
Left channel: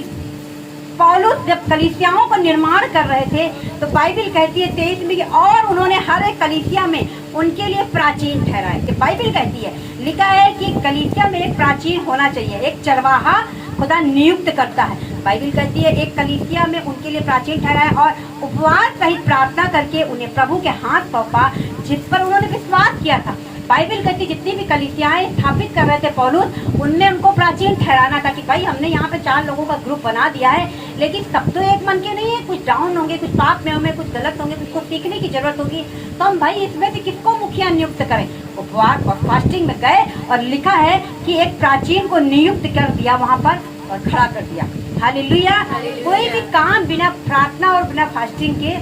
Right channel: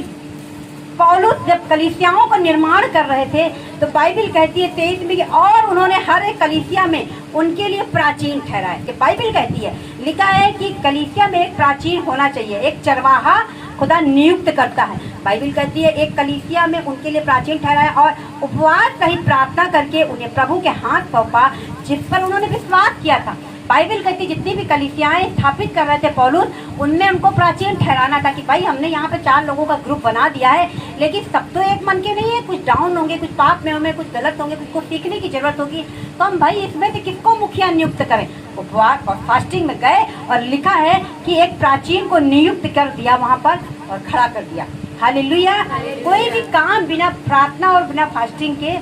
पौलुस जब कलीसियाओं का निर्माण कर रहे थे तो बाइबल कहती है 23 में कि और उन्होंने हर एक कलीसिया में उनके लिए प्राचीन ठहराए। तो बाइबल कहती है, लिखा है कि कलीसिया में एक प्राचीन होना चाहिए, एक चरवाहा खुदा नियुक्त करता है। बाइबल कहती है एक कलीसिया में उनके लिए प्राचीन ठहराए और उपवास सहित प्रार्थना करके उन्हें प्रभु के हाथ सौंपा जिस पर उन्होंने विश्वास किया था। बाइबल कहती जितनी भी कलीसियाएं स्थापित कर रहे थे पौलुस, उनमें उनको प्राचीन ठहराना था कि भाई हमने यहाँ पे 4 लोगों का ग्रुप बना दिया है, लेकिन सब तो एक मन के नहीं है, कुछ डाउन होंगे, कुछ पाप में होंगे, कुछ गलत होंगे, कुछ को सीखने की जरूरत होगी। तो हम भाई इसमें से किसको मुखिया नियुक्त करें? उपवास और फास्टिंग में गए और लिखा है कि एक प्राचीन को नियुक्त कर दिया वहाँ पर और खड़ा कर दिया। हालेलुया। कोई भी काम बिना प्रार्थना और बिना फास्टिंग के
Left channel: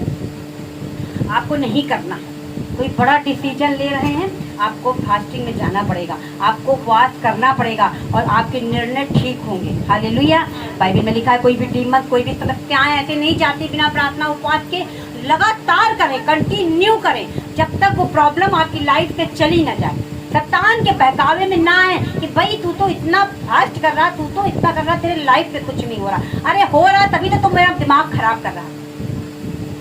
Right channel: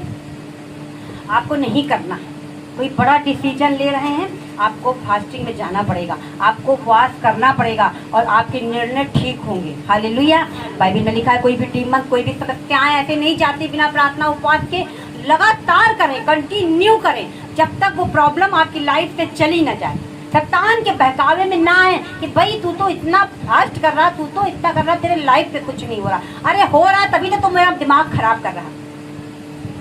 आपको नहीं करना। कोई बड़ा डिसीजन ले रहे हैं, आपको फास्टिंग में जाना पड़ेगा, आपको उपवास करना पड़ेगा और आपके निर्णय ठीक होंगे। हालेलुया। बाइबल में लिखा है कोई भी डीमन, कोई भी समस्याएं ऐसे नहीं जाती बिना प्रार्थना उपवास के। लगातार करें, कंटिन्यू करें, जब तक वो प्रॉब्लम आपकी लाइफ से चली ना जाए। शैतान के बहकावे में ना आए कि भाई तू तो इतना फास्ट कर रहा, तू तो इतना कर रहा, तेरे लाइफ में कुछ नहीं हो रहा। अरे हो रहा है तभी तो मेरा दिमाग खराब कर रहा है,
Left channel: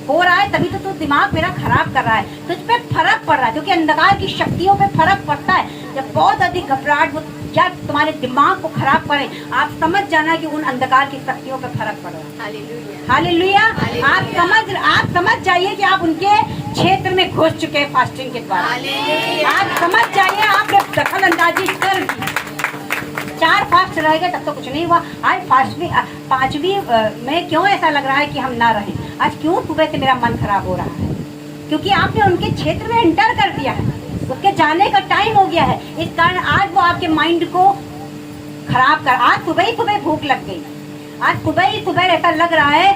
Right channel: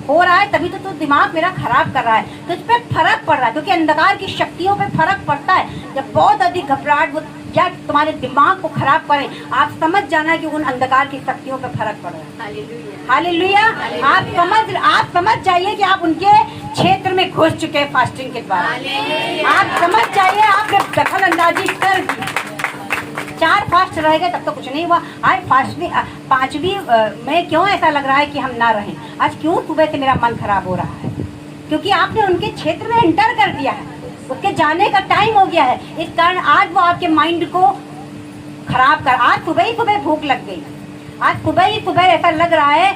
हो रहा है तभी तो दिमाग मेरा खराब कर रहा है। तुझ पे फर्क पड़ रहा है, क्योंकि अंधकार की शक्तियों पे फर्क पड़ता है। जब बहुत अधिक घबराहट वो क्या तुम्हारे दिमाग को खराब करे, आप समझ जाना कि उन अंधकार की शक्तियों पे फर्क पड़ रहा है। हालेलुया। आप समझ जाइए कि आप उनके क्षेत्र में घुस चुके हैं फास्टिंग के द्वारा। आप समझ जाइए आपने दखल अंदाजी कर दी। 4 फास्ट रह गए तब तो कुछ नहीं हुआ। आज फास्टवी 5वीं में क्यों ऐसा लग रहा है कि हम ना रहें? आज क्यों सुबह से मेरा मन खराब हो रहा है? क्योंकि आपने उनके क्षेत्र में एंटर कर दिया है, उसके जाने का टाइम हो गया है। इस कारण आज वो आपके माइंड को खराब कर। आज सुबह ही सुबह भूख लग गई, आज सुबह ही सुबह ऐसा लग रहा है,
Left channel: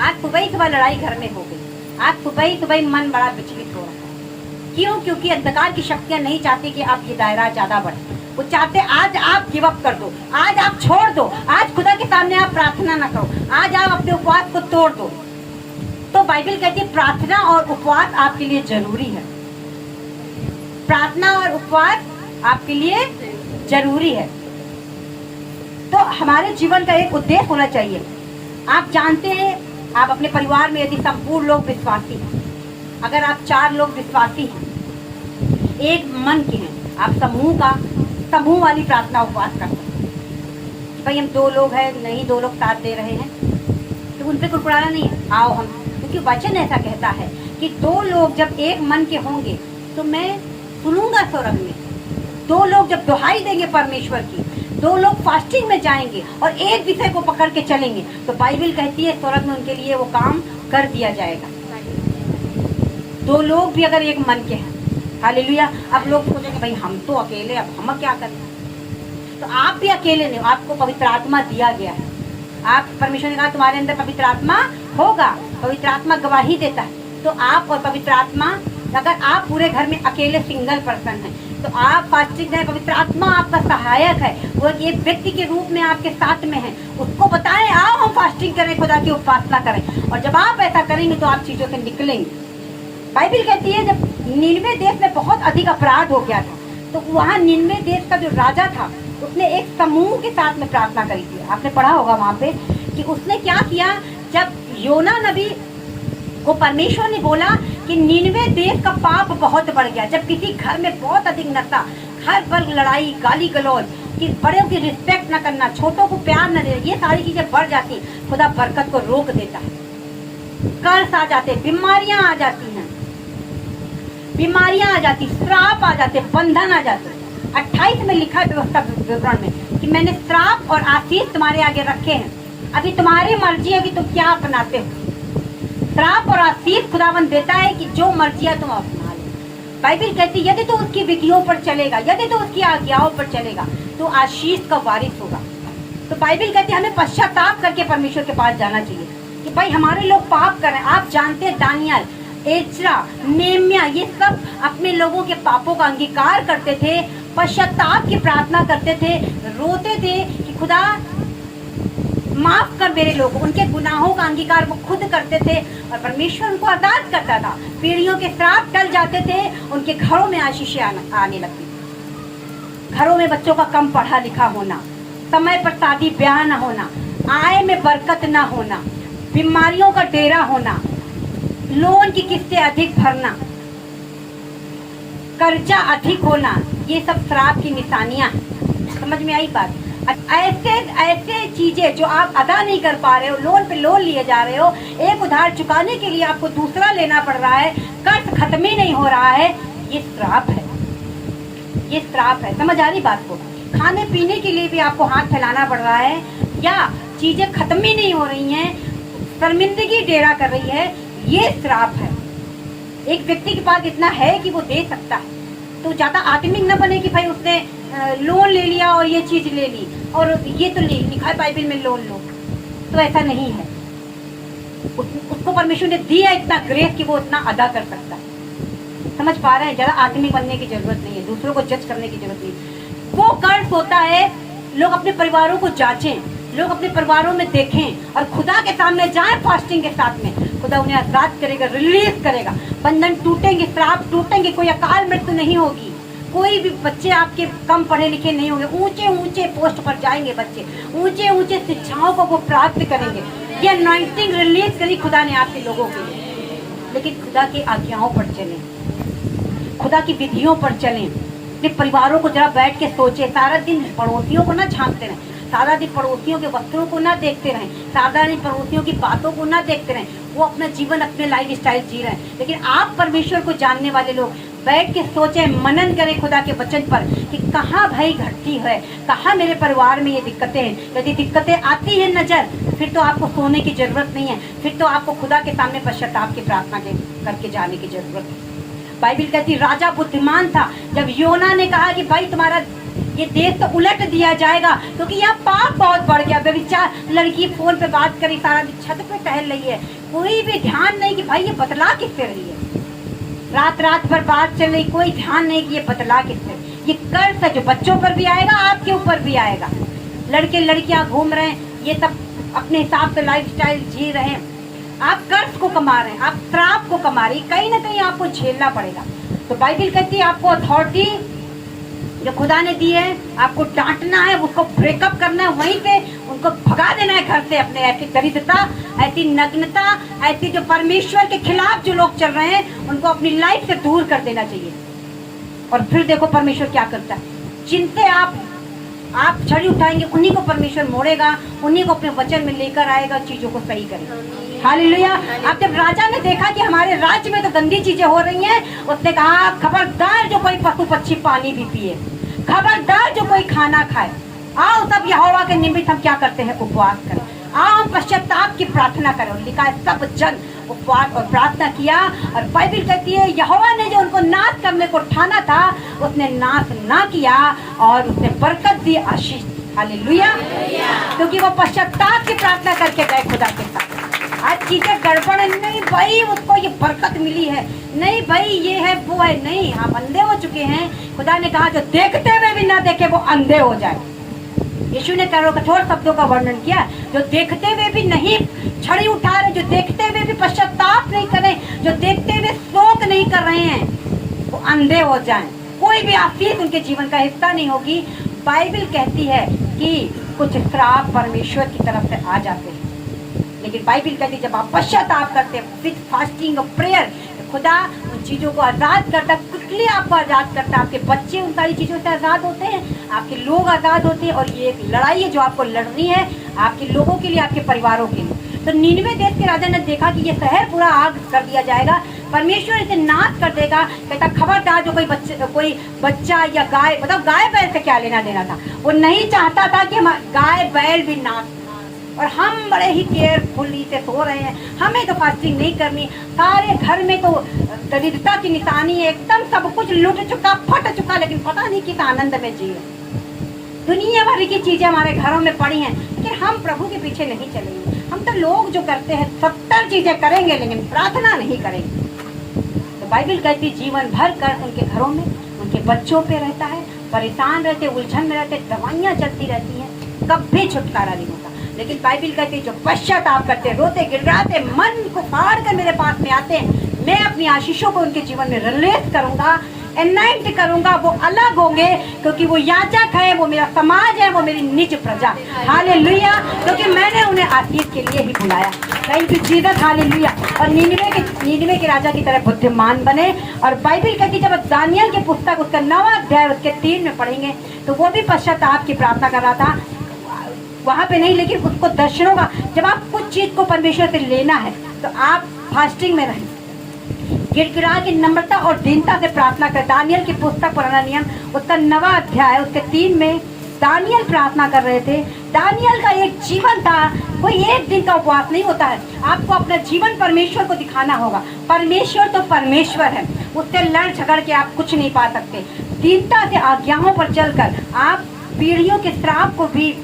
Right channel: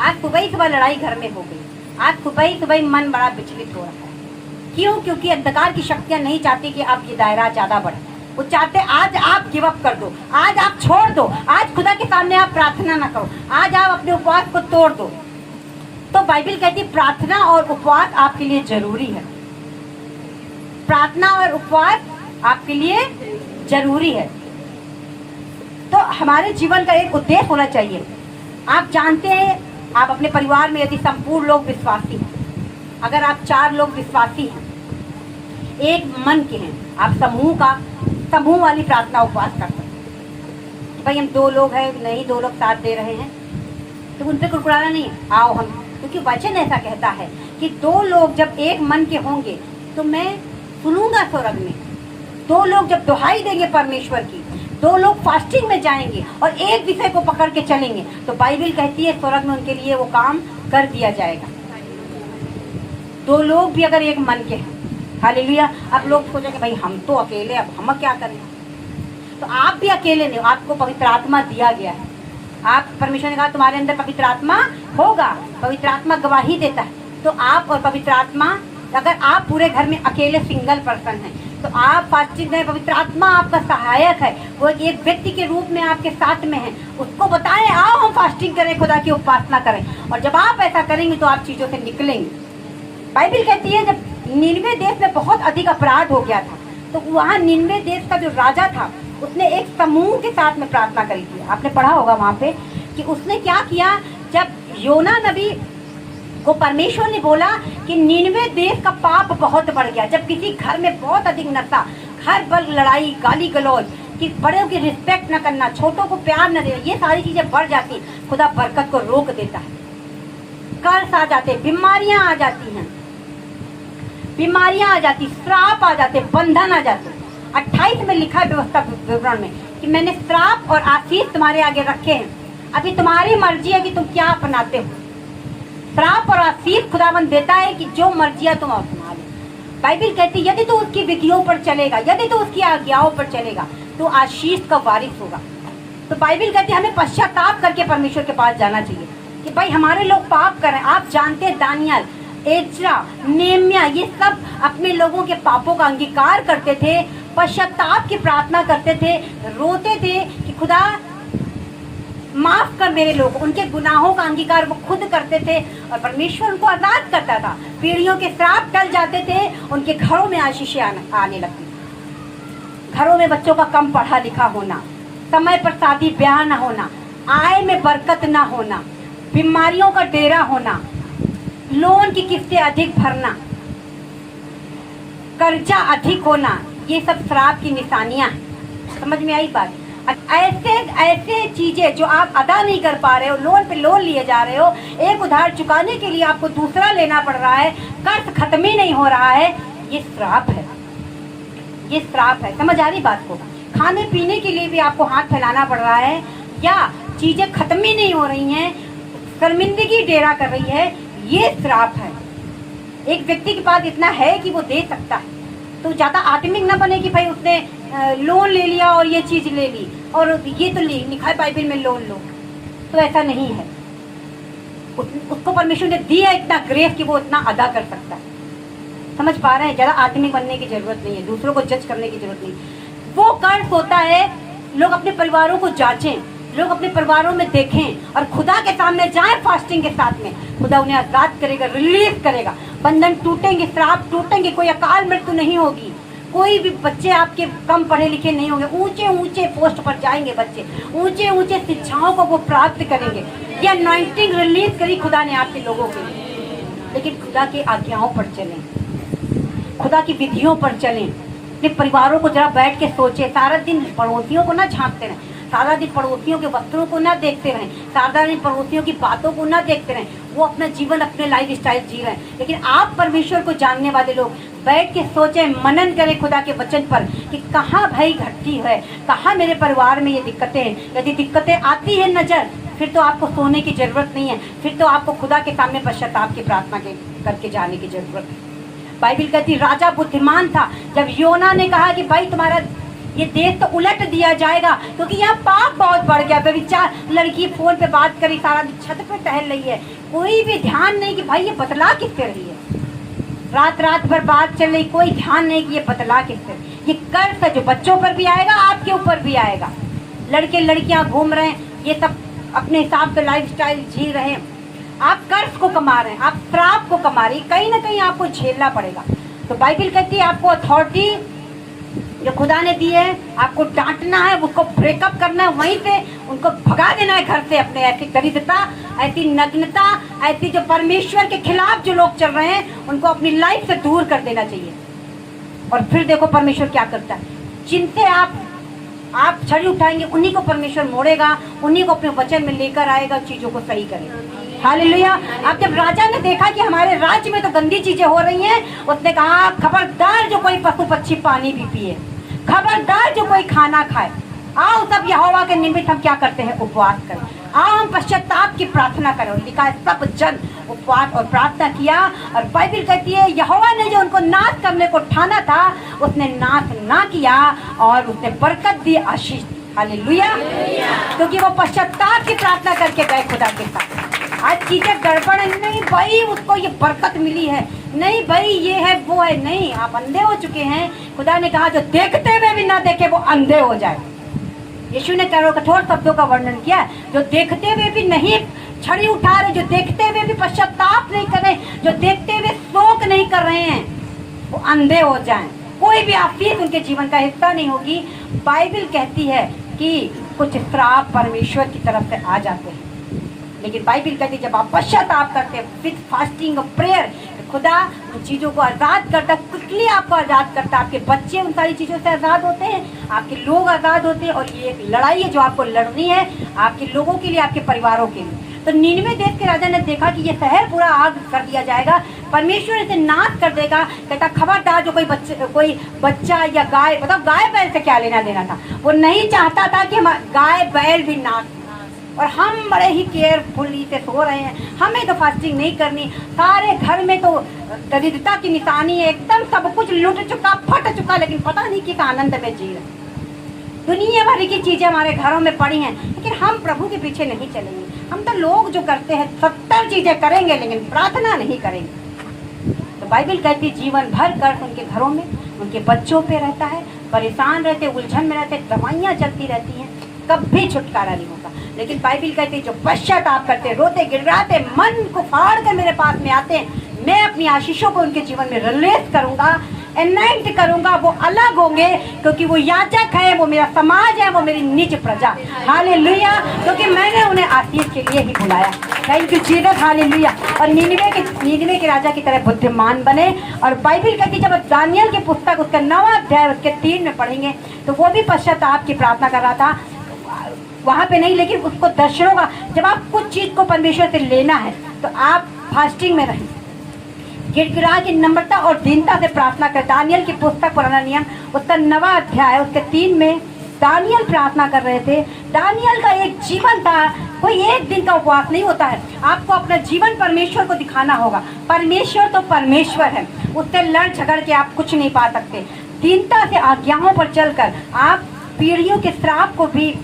आज सुबह ही सुबह लड़ाई घर में हो गई, आज सुबह ही सुबह मन बड़ा विचलित हो रहा है। क्यों? क्योंकि अंधकार की शक्तियां नहीं चाहती कि आप ये दायरा ज्यादा बढ़े। वो चाहते आज आप गिव अप कर दो, आज आप छोड़ दो, आज खुदा के सामने आप प्रार्थना ना करो, आज आप अपने उपवास को तोड़ दो। तो बाइबल कहती है प्रार्थना और उपवास आपके लिए जरूरी है। प्रार्थना और उपवास आपके लिए जरूरी है। तो हमारे जीवन का एक उद्देश्य होना चाहिए। आप जानते हैं, आप अपने परिवार में यदि संपूर्ण लोग विश्वासी हैं, अगर आप 4 लोग विश्वासी हैं, एक मन के हैं, आप समूह वाली प्रार्थना उपवास करते हैं। भाई हम 2 लोग हैं, नहीं 2 लोग साथ दे रहे हैं, तो उनसे कुड़कुड़ाना नहीं, आओ हम, क्योंकि वचन ऐसा कहता है कि 2 लोग जब एक मन के होंगे तो मैं सुनूंगा स्वर्ग में। 2 लोग जब दुहाई देंगे परमेश्वर की, 2 लोग फास्टिंग में जाएंगे और एक विषय को पकड़ के चलेंगे, तो बाइबल कहती है स्वर्ग में उनके लिए वो काम कर दिया जाएगा। 2 लोग भी अगर एक मन के हैं। हालेलुया। अब लोग सोचेंगे भाई हम तो अकेले, अब हम क्या करें? तो आप भी अकेले नहीं, आपको पवित्र आत्मा दिया गया है। आप, परमेश्वर ने कहा तुम्हारे अंदर पवित्र आत्मा होगा, पवित्र आत्मा गवाही देता है। तो आप और पवित्र आत्मा, अगर आप पूरे घर में अकेले सिंगल पर्सन हैं, तो आप फास्टिंग में, पवित्र आत्मा आपका सहायक है, वो एक व्यक्ति के रूप में आपके साथ में है। उसको बताएं आओ हम फास्टिंग करें, खुदा की उपासना करें। और जब आप ऐसा करेंगे तो आप चीजों से निकलेंगे। बाइबल कहती है जब निनवे देश में बहुत अधिक अपराध हो गया था, तो वहाँ निनवे देश का जो राजा था, उसने एक समूह के साथ में प्रार्थना करी थी। आपने पढ़ा होगा वहाँ पे कि उसने क्या किया। जब योना नबी को परमेश्वर ने बोला कि निनवे देश का पाप बहुत बढ़ गया, जब किसी घर में बहुत अधिक नशा, हर पल लड़ाई, गाली गलौज, कि बड़ों की रिस्पेक्ट न करना, छोटों को प्यार न देना, ये सारी चीजें बढ़ जाती, खुदा बरकत को रोक देता है। कर्ज आ जाते, बीमारियां आ जाती हैं, बीमारियां आ जाती, श्राप आ जाते, बंधन आ जाते। 28 में लिखा है व्यवस्था विवरण में कि मैंने श्राप और आशीष तुम्हारे आगे रखे हैं, अभी तुम्हारी मर्जी है कि तुम क्या अपनाते हो। श्राप और आशीष खुदावन देता है कि जो मर्जियां तुम अपना लो। बाइबल कहती है यदि तो उसकी विधियों पर चलेगा, यदि तो उसकी आज्ञाओं पर चलेगा, तो आशीष का वारिस होगा। तो बाइबल कहती है हमें पश्चाताप करके परमेश्वर के पास जाना चाहिए कि भाई हमारे लोग पाप कर रहे हैं। आप जानते हैं दानियल, एज्रा, नेम्या, ये सब अपने लोगों के पापों का अंगीकार करते थे, पश्चाताप की प्रार्थना करते थे, रोते थे कि खुदा माफ कर मेरे लोग। उनके गुनाहों का अंगीकार वो खुद करते थे और परमेश्वर उनको आजाद करता था। पीढ़ियों के श्राप टल जाते थे, उनके घरों में आशीषें आने लगती थी। घरों में बच्चों का कम पढ़ा लिखा होना, समय पर शादी ब्याह न होना, आय में बरकत न होना, बीमारियों का डेरा होना, लोन की किस्तें अधिक भरना, कर्जा अधिक होना, ये सब श्राप की निशानियां हैं। समझ में आई बात? ऐसे चीजें जो आप अदा नहीं कर पा रहे हो, लोन पे लोन लिए जा रहे हो, एक उधार चुकाने के लिए आपको दूसरा लेना पड़ रहा है, कर्ज खत्म ही नहीं हो रहा है, ये श्राप है, ये श्राप है। समझ आ रही बात को? खाने पीने के लिए भी आपको हाथ फैलाना पड़ रहा है, या चीजें खत्म ही नहीं हो रही हैं, शर्मिंदगी डेरा कर रही है, ये श्राप है। एक व्यक्ति के पास इतना है कि वो दे सकता है, तो ज्यादा आत्मिक न बने कि भाई उसने लोन ले लिया और ये चीज ले ली और ये तो लिखा है बाइबल में लोन लो, तो ऐसा नहीं है। उसको परमेश्वर ने दिया इतना ग्रेस कि वो इतना अदा कर सकता है। समझ पा रहे हैं? ज्यादा आदमी बनने की जरूरत नहीं है, दूसरों को जज करने की जरूरत नहीं। वो कर्ज होता है, लोग अपने परिवारों को जांचें, लोग अपने परिवारों में देखें और खुदा के सामने जाएं फास्टिंग के साथ में। खुदा उन्हें आजाद करेगा, रिलीज करेगा, बंधन टूटेंगे, श्राप टूटेंगे, कोई अकाल मृत्यु नहीं होगी, कोई भी बच्चे आपके कम पढ़े लिखे नहीं होंगे, ऊंचे ऊंचे पोस्ट पर जाएंगे बच्चे, ऊंचे ऊंचे शिक्षाओं को वो प्राप्त करेंगे। ये अनॉइंटिंग रिलीज करी खुदा ने आपके लोगों के लिए। लेकिन खुदा की आज्ञाओं पर चलें, खुदा की विधियों पर चलें, अपने परिवारों को जरा बैठ के सोचे। सारा दिन पड़ोसियों को ना झांकते रहें, सारा दिन पड़ोसियों के वस्त्रों को ना देखते रहें, सारा दिन पड़ोसियों की बातों को ना देखते रहें। वो अपना जीवन, अपने लाइफ स्टाइल जी रहे हैं। लेकिन आप परमेश्वर को जानने वाले लोग बैठ के सोचें, मनन करें खुदा के वचन पर कि कहाँ भाई घटती है, कहाँ मेरे परिवार में ये दिक्कतें हैं। यदि दिक्कतें आती है नजर, फिर तो आपको सोने की जरूरत नहीं है, फिर तो आपको खुदा के सामने पश्चाताप की प्रार्थना करके जाने की जरूरत है। बाइबल कहती राजा बुद्धिमान था जब योना ने कहा कि भाई तुम्हारा ये देश तो उलट दिया जाएगा, क्योंकि यहाँ पाप बहुत बढ़ गया। व्यभिचार, लड़की फोन पे बात करी, सारा दिन छत पे टहल रही है, कोई भी ध्यान नहीं कि भाई ये बतला किससे रही है। रात रात भर बात चल रही, कोई ध्यान नहीं कि ये बतला किससे। ये कर्ज है जो बच्चों पर भी आएगा, आपके ऊपर भी आएगा। लड़के लड़कियां घूम रहे हैं, ये सब अपने हिसाब से लाइफ स्टाइल जी रहे हैं। आप कर्ज को कमा रहे हैं, आप श्राप को कमा रहे हैं, कहीं ना कहीं आपको झेलना पड़ेगा। तो बाइबल कहती है आपको अथॉरिटी जो खुदा ने दी है, आपको डांटना है, उसको ब्रेकअप करना है, वहीं से उनको भगा देना है घर से। अपने ऐसी दरिद्रता, ऐसी नग्नता, ऐसी जो परमेश्वर के खिलाफ जो लोग चल रहे हैं, उनको अपनी लाइफ से दूर कर देना चाहिए। और फिर देखो परमेश्वर क्या करता है। जिनसे आप छड़ी उठाएंगे, उन्हीं को परमेश्वर मोड़ेगा, उन्हीं को अपने वचन में लेकर आएगा, चीजों को सही करेगा। हालेलुया। अब जब राजा ने देखा कि हमारे राज्य में तो गंदी चीजें हो रही हैं, उसने कहा खबरदार जो कोई पशु पक्षी पानी भी पिए, खबरदार जो कोई खाना खाए, आओ सब यहोवा के निमित्त हम क्या करते हैं, उपवास करें, आओ हम पश्चाताप की प्रार्थना करें। और लिखा है सब जन उपवास और प्रार्थना किया। और बाइबल कहती है यहोवा ने जो उनको नाश करने को ठाना था, उसने नाश ना किया और उसने बरकत दी, आशीष। हालेलुया। क्योंकि वो पश्चाताप की प्रार्थना करके गए खुदा के साथ। आज चीजें गड़बड़ है, नहीं भाई उसको ये बरकत मिली है, नहीं भाई ये है वो है, नहीं, आप अंधे हो चुके हैं। खुदा ने कहा जो देखते हुए भी ना देखे वो अंधे हो जाए। यीशु ने कठोर शब्दों का वर्णन किया, जो देखते हुए भी नहीं छड़ी उठा रहे, जो देखते हुए भी पश्चाताप नहीं कर रहे, जो देखते हुए शोक नहीं कर रहे हैं, वो अंधे हो जाएं। कोई भी आशीष उनके जीवन का हिस्सा नहीं होगी। बाइबल कहती है कि कुछ श्राप परमेश्वर की तरफ से आ जाते हैं, लेकिन बाइबल कहती है जब आप पश्चाताप करते हैं विद फास्टिंग और प्रेयर, खुदा उन चीजों को आजाद करता, क्विकली आपको आजाद करता। आपके बच्चे उन सारी चीजों से आजाद होते हैं, आपके लोग आजाद होते हैं। और ये एक लड़ाई है जो आपको लड़नी है, आपके लोगों के लिए, आपके परिवारों के लिए। तो निनवे देश के राजा ने देखा कि ये शहर पूरा आग कर दिया जाएगा, परमेश्वर इसे नाश कर देगा। कहता खबरदार जो कोई बच्चा या गाय, बताओ गाय बैल से क्या लेना देना था, वो नहीं चाहता था कि गाय बैल भी नाश। और हम बड़े ही केयरफुली से सो रहे हैं, हमें तो फास्टिंग नहीं करनी। सारे घर में तो दरिद्रता की निशानी है, एकदम सब कुछ लूट चुका, फट चुका, लेकिन पता नहीं किस आनंद में जी रहे। दुनिया भर की चीजें हमारे घरों में पड़ी हैं, लेकिन हम प्रभु के पीछे नहीं चलेंगे। हम तो लोग जो करते हैं 70 चीजें करेंगे, लेकिन प्रार्थना नहीं करेंगे। तो बाइबल कहती जीवन भर कर उनके घरों में, उनके बच्चों पे रहता है, परेशान रहते, उलझन में रहते, दवाइयाँ चलती रहती हैं, कभी छुटकारा नहीं होता। लेकिन बाइबल कहती है जो पश्चाताप करते, रोते गिड़गिड़ाते, मन को फाड़ कर मेरे पास में आते हैं, मैं अपनी आशीषों को उनके जीवन में रिलीज करूंगा, एनाइंट करूंगा। वो अलग होंगे क्योंकि वो याजक है, वो मेरा समाज है, वो मेरी निज प्रजा। हालेलुया। क्योंकि मैंने उन्हें आशीष के लिए ही बुलाया। Thank you Jesus. हालेलुया। और नीनवे के राजा की तरह बुद्धिमान बने। और बाइबल कहती जब दानियल की पुस्तक उसका 9वां अध्याय उसके 3 में पढ़ेंगे तो वो भी पश्चाताप की प्रार्थना कर रहा था, वहां पे नहीं, लेकिन उसको दर्शनों का, जब आप कुछ चीज को परमेश्वर से लेना है तो आप फास्टिंग में रहें, गिड़गिड़ा की नम्रता और दीनता से प्रार्थना कर। दानियल की पुस्तक पुराना नियम उसका 9वां अध्याय उसके 3 में दानियल प्रार्थना कर रहे थे। दानियल का एक जीवन था, कोई एक दिन का उपवास नहीं होता है। आपको अपना जीवन परमेश्वर को दिखाना होगा। परमेश्वर तो परमेश्वर है, उससे लड़ झगड़ के आप कुछ नहीं पा सकते। दीनता से आज्ञाओं पर चलकर आप पीढ़ियों के श्राप को भी।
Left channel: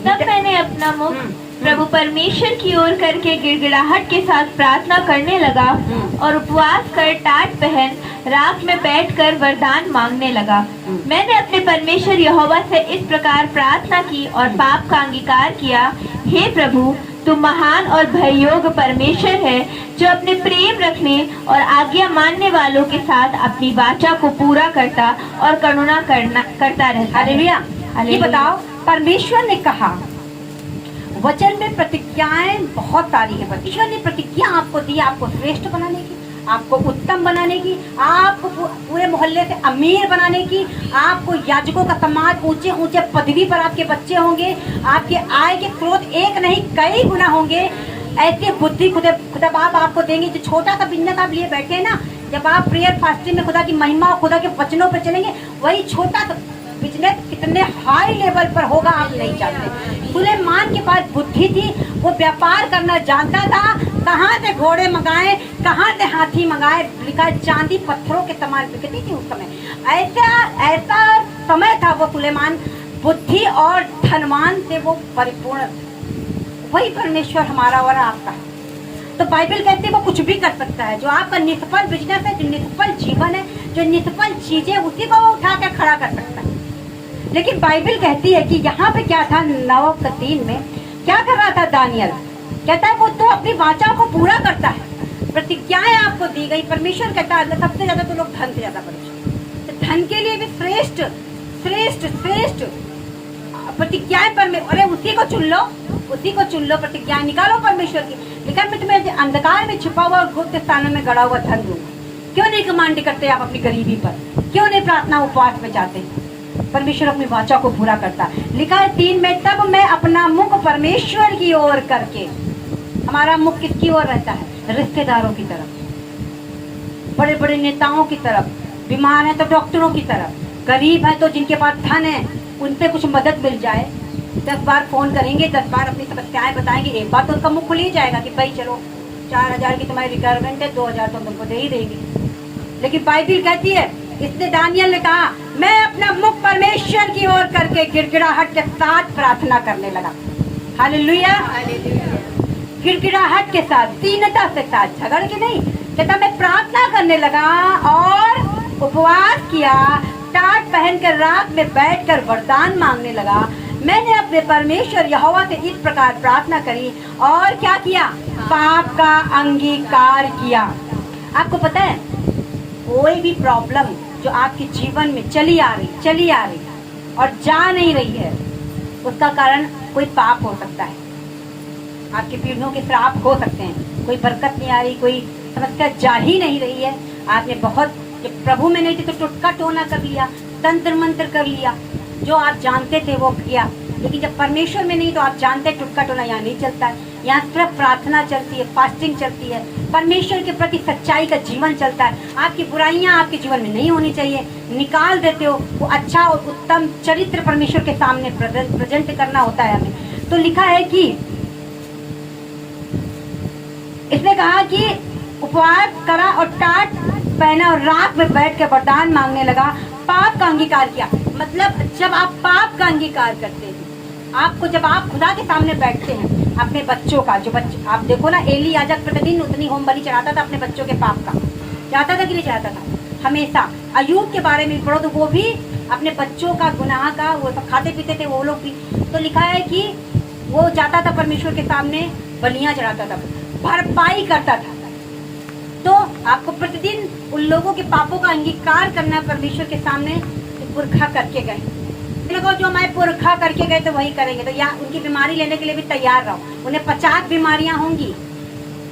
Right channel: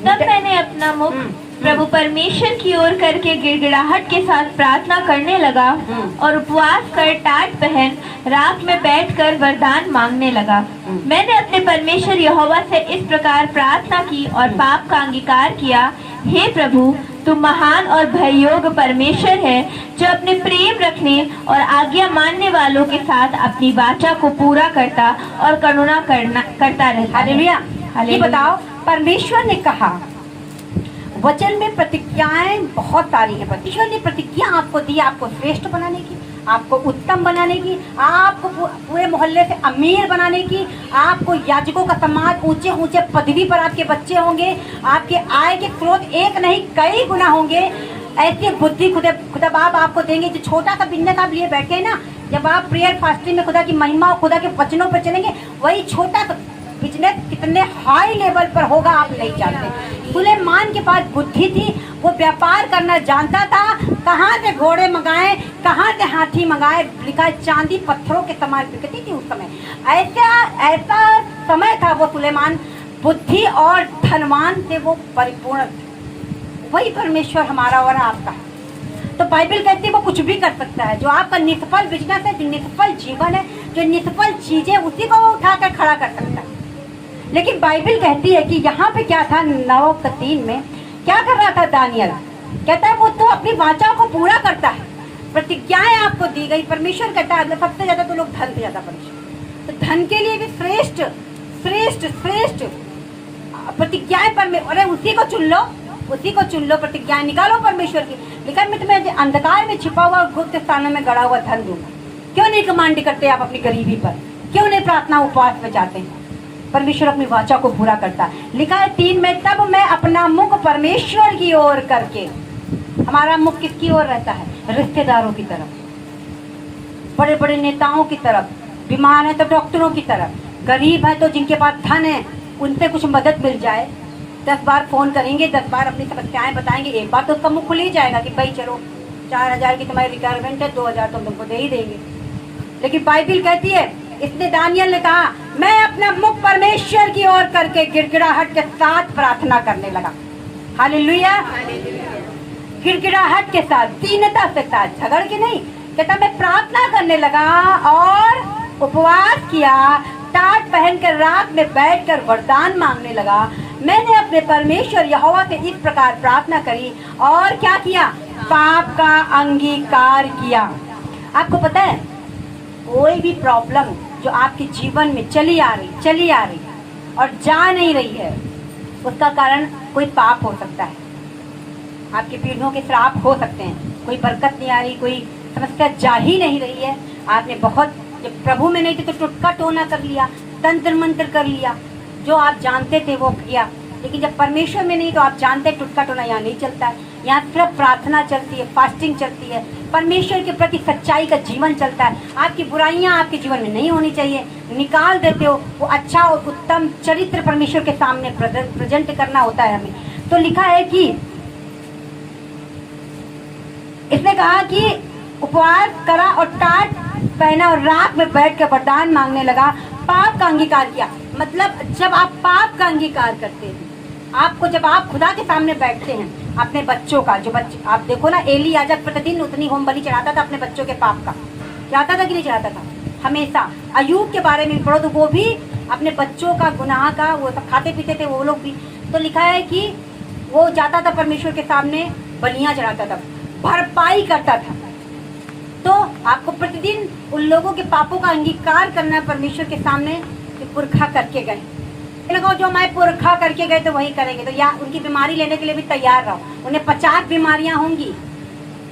तब मैंने अपना मुख प्रभु परमेश्वर की ओर करके गिड़गिड़ाहट के साथ प्रार्थना करने लगा और उपवास कर टाट पहन रात में बैठकर वरदान मांगने लगा। मैंने अपने परमेश्वर यहोवा से इस प्रकार प्रार्थना की और पाप का अंगीकार किया, हे प्रभु, तू महान और भययोग्य परमेश्वर है, जो अपने प्रेम रखने और आज्ञा मानने वालों के साथ अपनी वाचा को पूरा करता और करुणा करता रहता है। हालेलुया। ये बताओ, परमेश्वर ने कहा, वचन में प्रतिज्ञाएं बहुत सारी है। परमेश्वर ने प्रतिज्ञा आपको दी, आपको श्रेष्ठ बनाने की, आपको उत्तम बनाने की, आपको पूरे मोहल्ले से अमीर बनाने की, आपको याजकों का समाज, ऊंचे ऊंचे पदवी पर आपके बच्चे होंगे, आपके आय के स्रोत एक नहीं कई गुना होंगे। ऐसी बुद्धि खुदा बाप आपको देंगे। जो छोटा सा बिजनेस आप लिए बैठे हैं ना, जब आप प्रेयर फास्टिंग में खुदा की महिमा और खुदा के वचनों पर चलेंगे, वही छोटा सा बिजनेस कितने हाई लेवल पर होगा आप नहीं जानते। सुलेमान के पास बुद्धि थी, वो व्यापार करना जानता था। कहाँ से घोड़े मंगाए, कहाँ से हाथी मंगाए, लिखा चांदी पत्थरों के समान बिकती थी उस समय। ऐसा समय था वो सुलेमान, बुद्धि और धनवान से वो परिपूर्ण। वही परमेश्वर हमारा और आपका है। तो बाइबल कहती है वो कुछ भी कर सकता है। जो आपका निष्फल बिजनेस है, जो निष्फल जीवन है, जो निष्फल चीजें, उसी को वो उठा कर खड़ा कर सकता है। लेकिन बाइबल कहती है कि यहाँ पे क्या था, 9:3 में क्या कर रहा था दानियल, कहता है वो तो अपनी वाचा को पूरा करता है। प्रतिज्ञाएं आपको दी गई। परमेश्वर कहता है सबसे ज्यादा तो लोग धन से ज्यादा परमेश्वर, तो धन के लिए भी श्रेष्ठ श्रेष्ठ श्रेष्ठ प्रतिज्ञाएं अरे उसी को चुन लो, उसी को चुन लो, प्रतिज्ञाएं निकालो परमेश्वर की। लिखा मैं तुम्हें अंधकार में छिपा हुआ और गुप्त स्थानों में गड़ा हुआ धन दूंगा। क्यों नहीं कमांड करते आप अपनी गरीबी पर? क्यों नहीं प्रार्थना उपवास में जाते हैं? परमेश्वर अपनी वाचा को पूरा करता है। लिखा है 3 में, तब मैं अपना मुख परमेश्वर की ओर करके। हमारा मुख किसकी ओर रहता है? रिश्तेदारों की तरफ, बड़े बड़े नेताओं की तरफ, बीमार है तो डॉक्टरों की तरफ, गरीब है तो जिनके पास धन है उनसे कुछ मदद मिल जाए। 10 बार फोन करेंगे, 10 बार अपनी समस्याएं बताएंगे, एक बार तो उसका मुख खुल ही जाएगा कि भाई चलो 4000 की तुम्हारी रिक्वायरमेंट है, 2000 तो तुमको दे ही देंगे। लेकिन बाइबल कहती है, इसने दानियल ने कहा मैं अपना मुख परमेश्वर की ओर करके गिड़गिड़ाहट के साथ प्रार्थना करने लगा। हालेलुया। गिड़गिड़ाहट के साथ, दीनता के साथ, झगड़ के नहीं। कहता मैं प्रार्थना करने लगा और उपवास किया, टाट पहनकर रात में बैठकर वरदान मांगने लगा। मैंने अपने परमेश्वर यहोवा से इस प्रकार प्रार्थना करी और क्या किया? पाप का अंगीकार किया। आपको पता है, कोई भी प्रॉब्लम जो आपके जीवन में चली आ रही और जा नहीं रही है, उसका कारण कोई पाप हो सकता है। आपकी पीढ़ियों के श्राप हो सकते हैं। कोई बरकत नहीं आ रही, कोई समस्या जा ही नहीं रही है। आपने बहुत, जब प्रभु में नहीं थे तो टुटका टोना कर लिया, तंत्र मंत्र कर लिया, जो आप जानते थे वो किया। लेकिन जब परमेश्वर में नहीं तो आप जानते हैं टुटका टोना यहाँ नहीं चलता है। यहाँ सिर्फ प्रार्थना चलती है, फास्टिंग चलती है, परमेश्वर के प्रति सच्चाई का जीवन चलता है। आपकी बुराइयां आपके जीवन में नहीं होनी चाहिए, निकाल देते हो। वो अच्छा और उत्तम चरित्र परमेश्वर के सामने प्रेजेंट करना होता है हमें। तो लिखा है कि इसने कहा कि उपवास करा और टाट पहना और रात में बैठ के वरदान मांगने लगा, पाप का अंगीकार किया। मतलब जब आप पाप का अंगीकार करते हैं, आपको जब आप खुदा के सामने बैठते हैं, अपने बच्चों का, जो बच्चे आप देखो ना, एली याजक प्रतिदिन उतनी होम बलि चढ़ाता था अपने बच्चों के पाप का। चढ़ाता था कि नहीं चढ़ाता था? हमेशा। अयूब के बारे में पढ़ो तो वो भी अपने बच्चों का गुनाह का, वो सब खाते पीते थे वो लोग भी। तो लिखा है कि वो जाता था परमेश्वर के सामने, बलियां चढ़ाता था, भरपाई करता था। तो आपको प्रतिदिन उन लोगों के पापों का अंगीकार करना है परमेश्वर के सामने, पुरखा करके गए। देखो जो हमारे पुरखा करके गए तो वही करेंगे। तो या उनकी बीमारी लेने के लिए भी तैयार रहो। उन्हें 50 बीमारियां होंगी।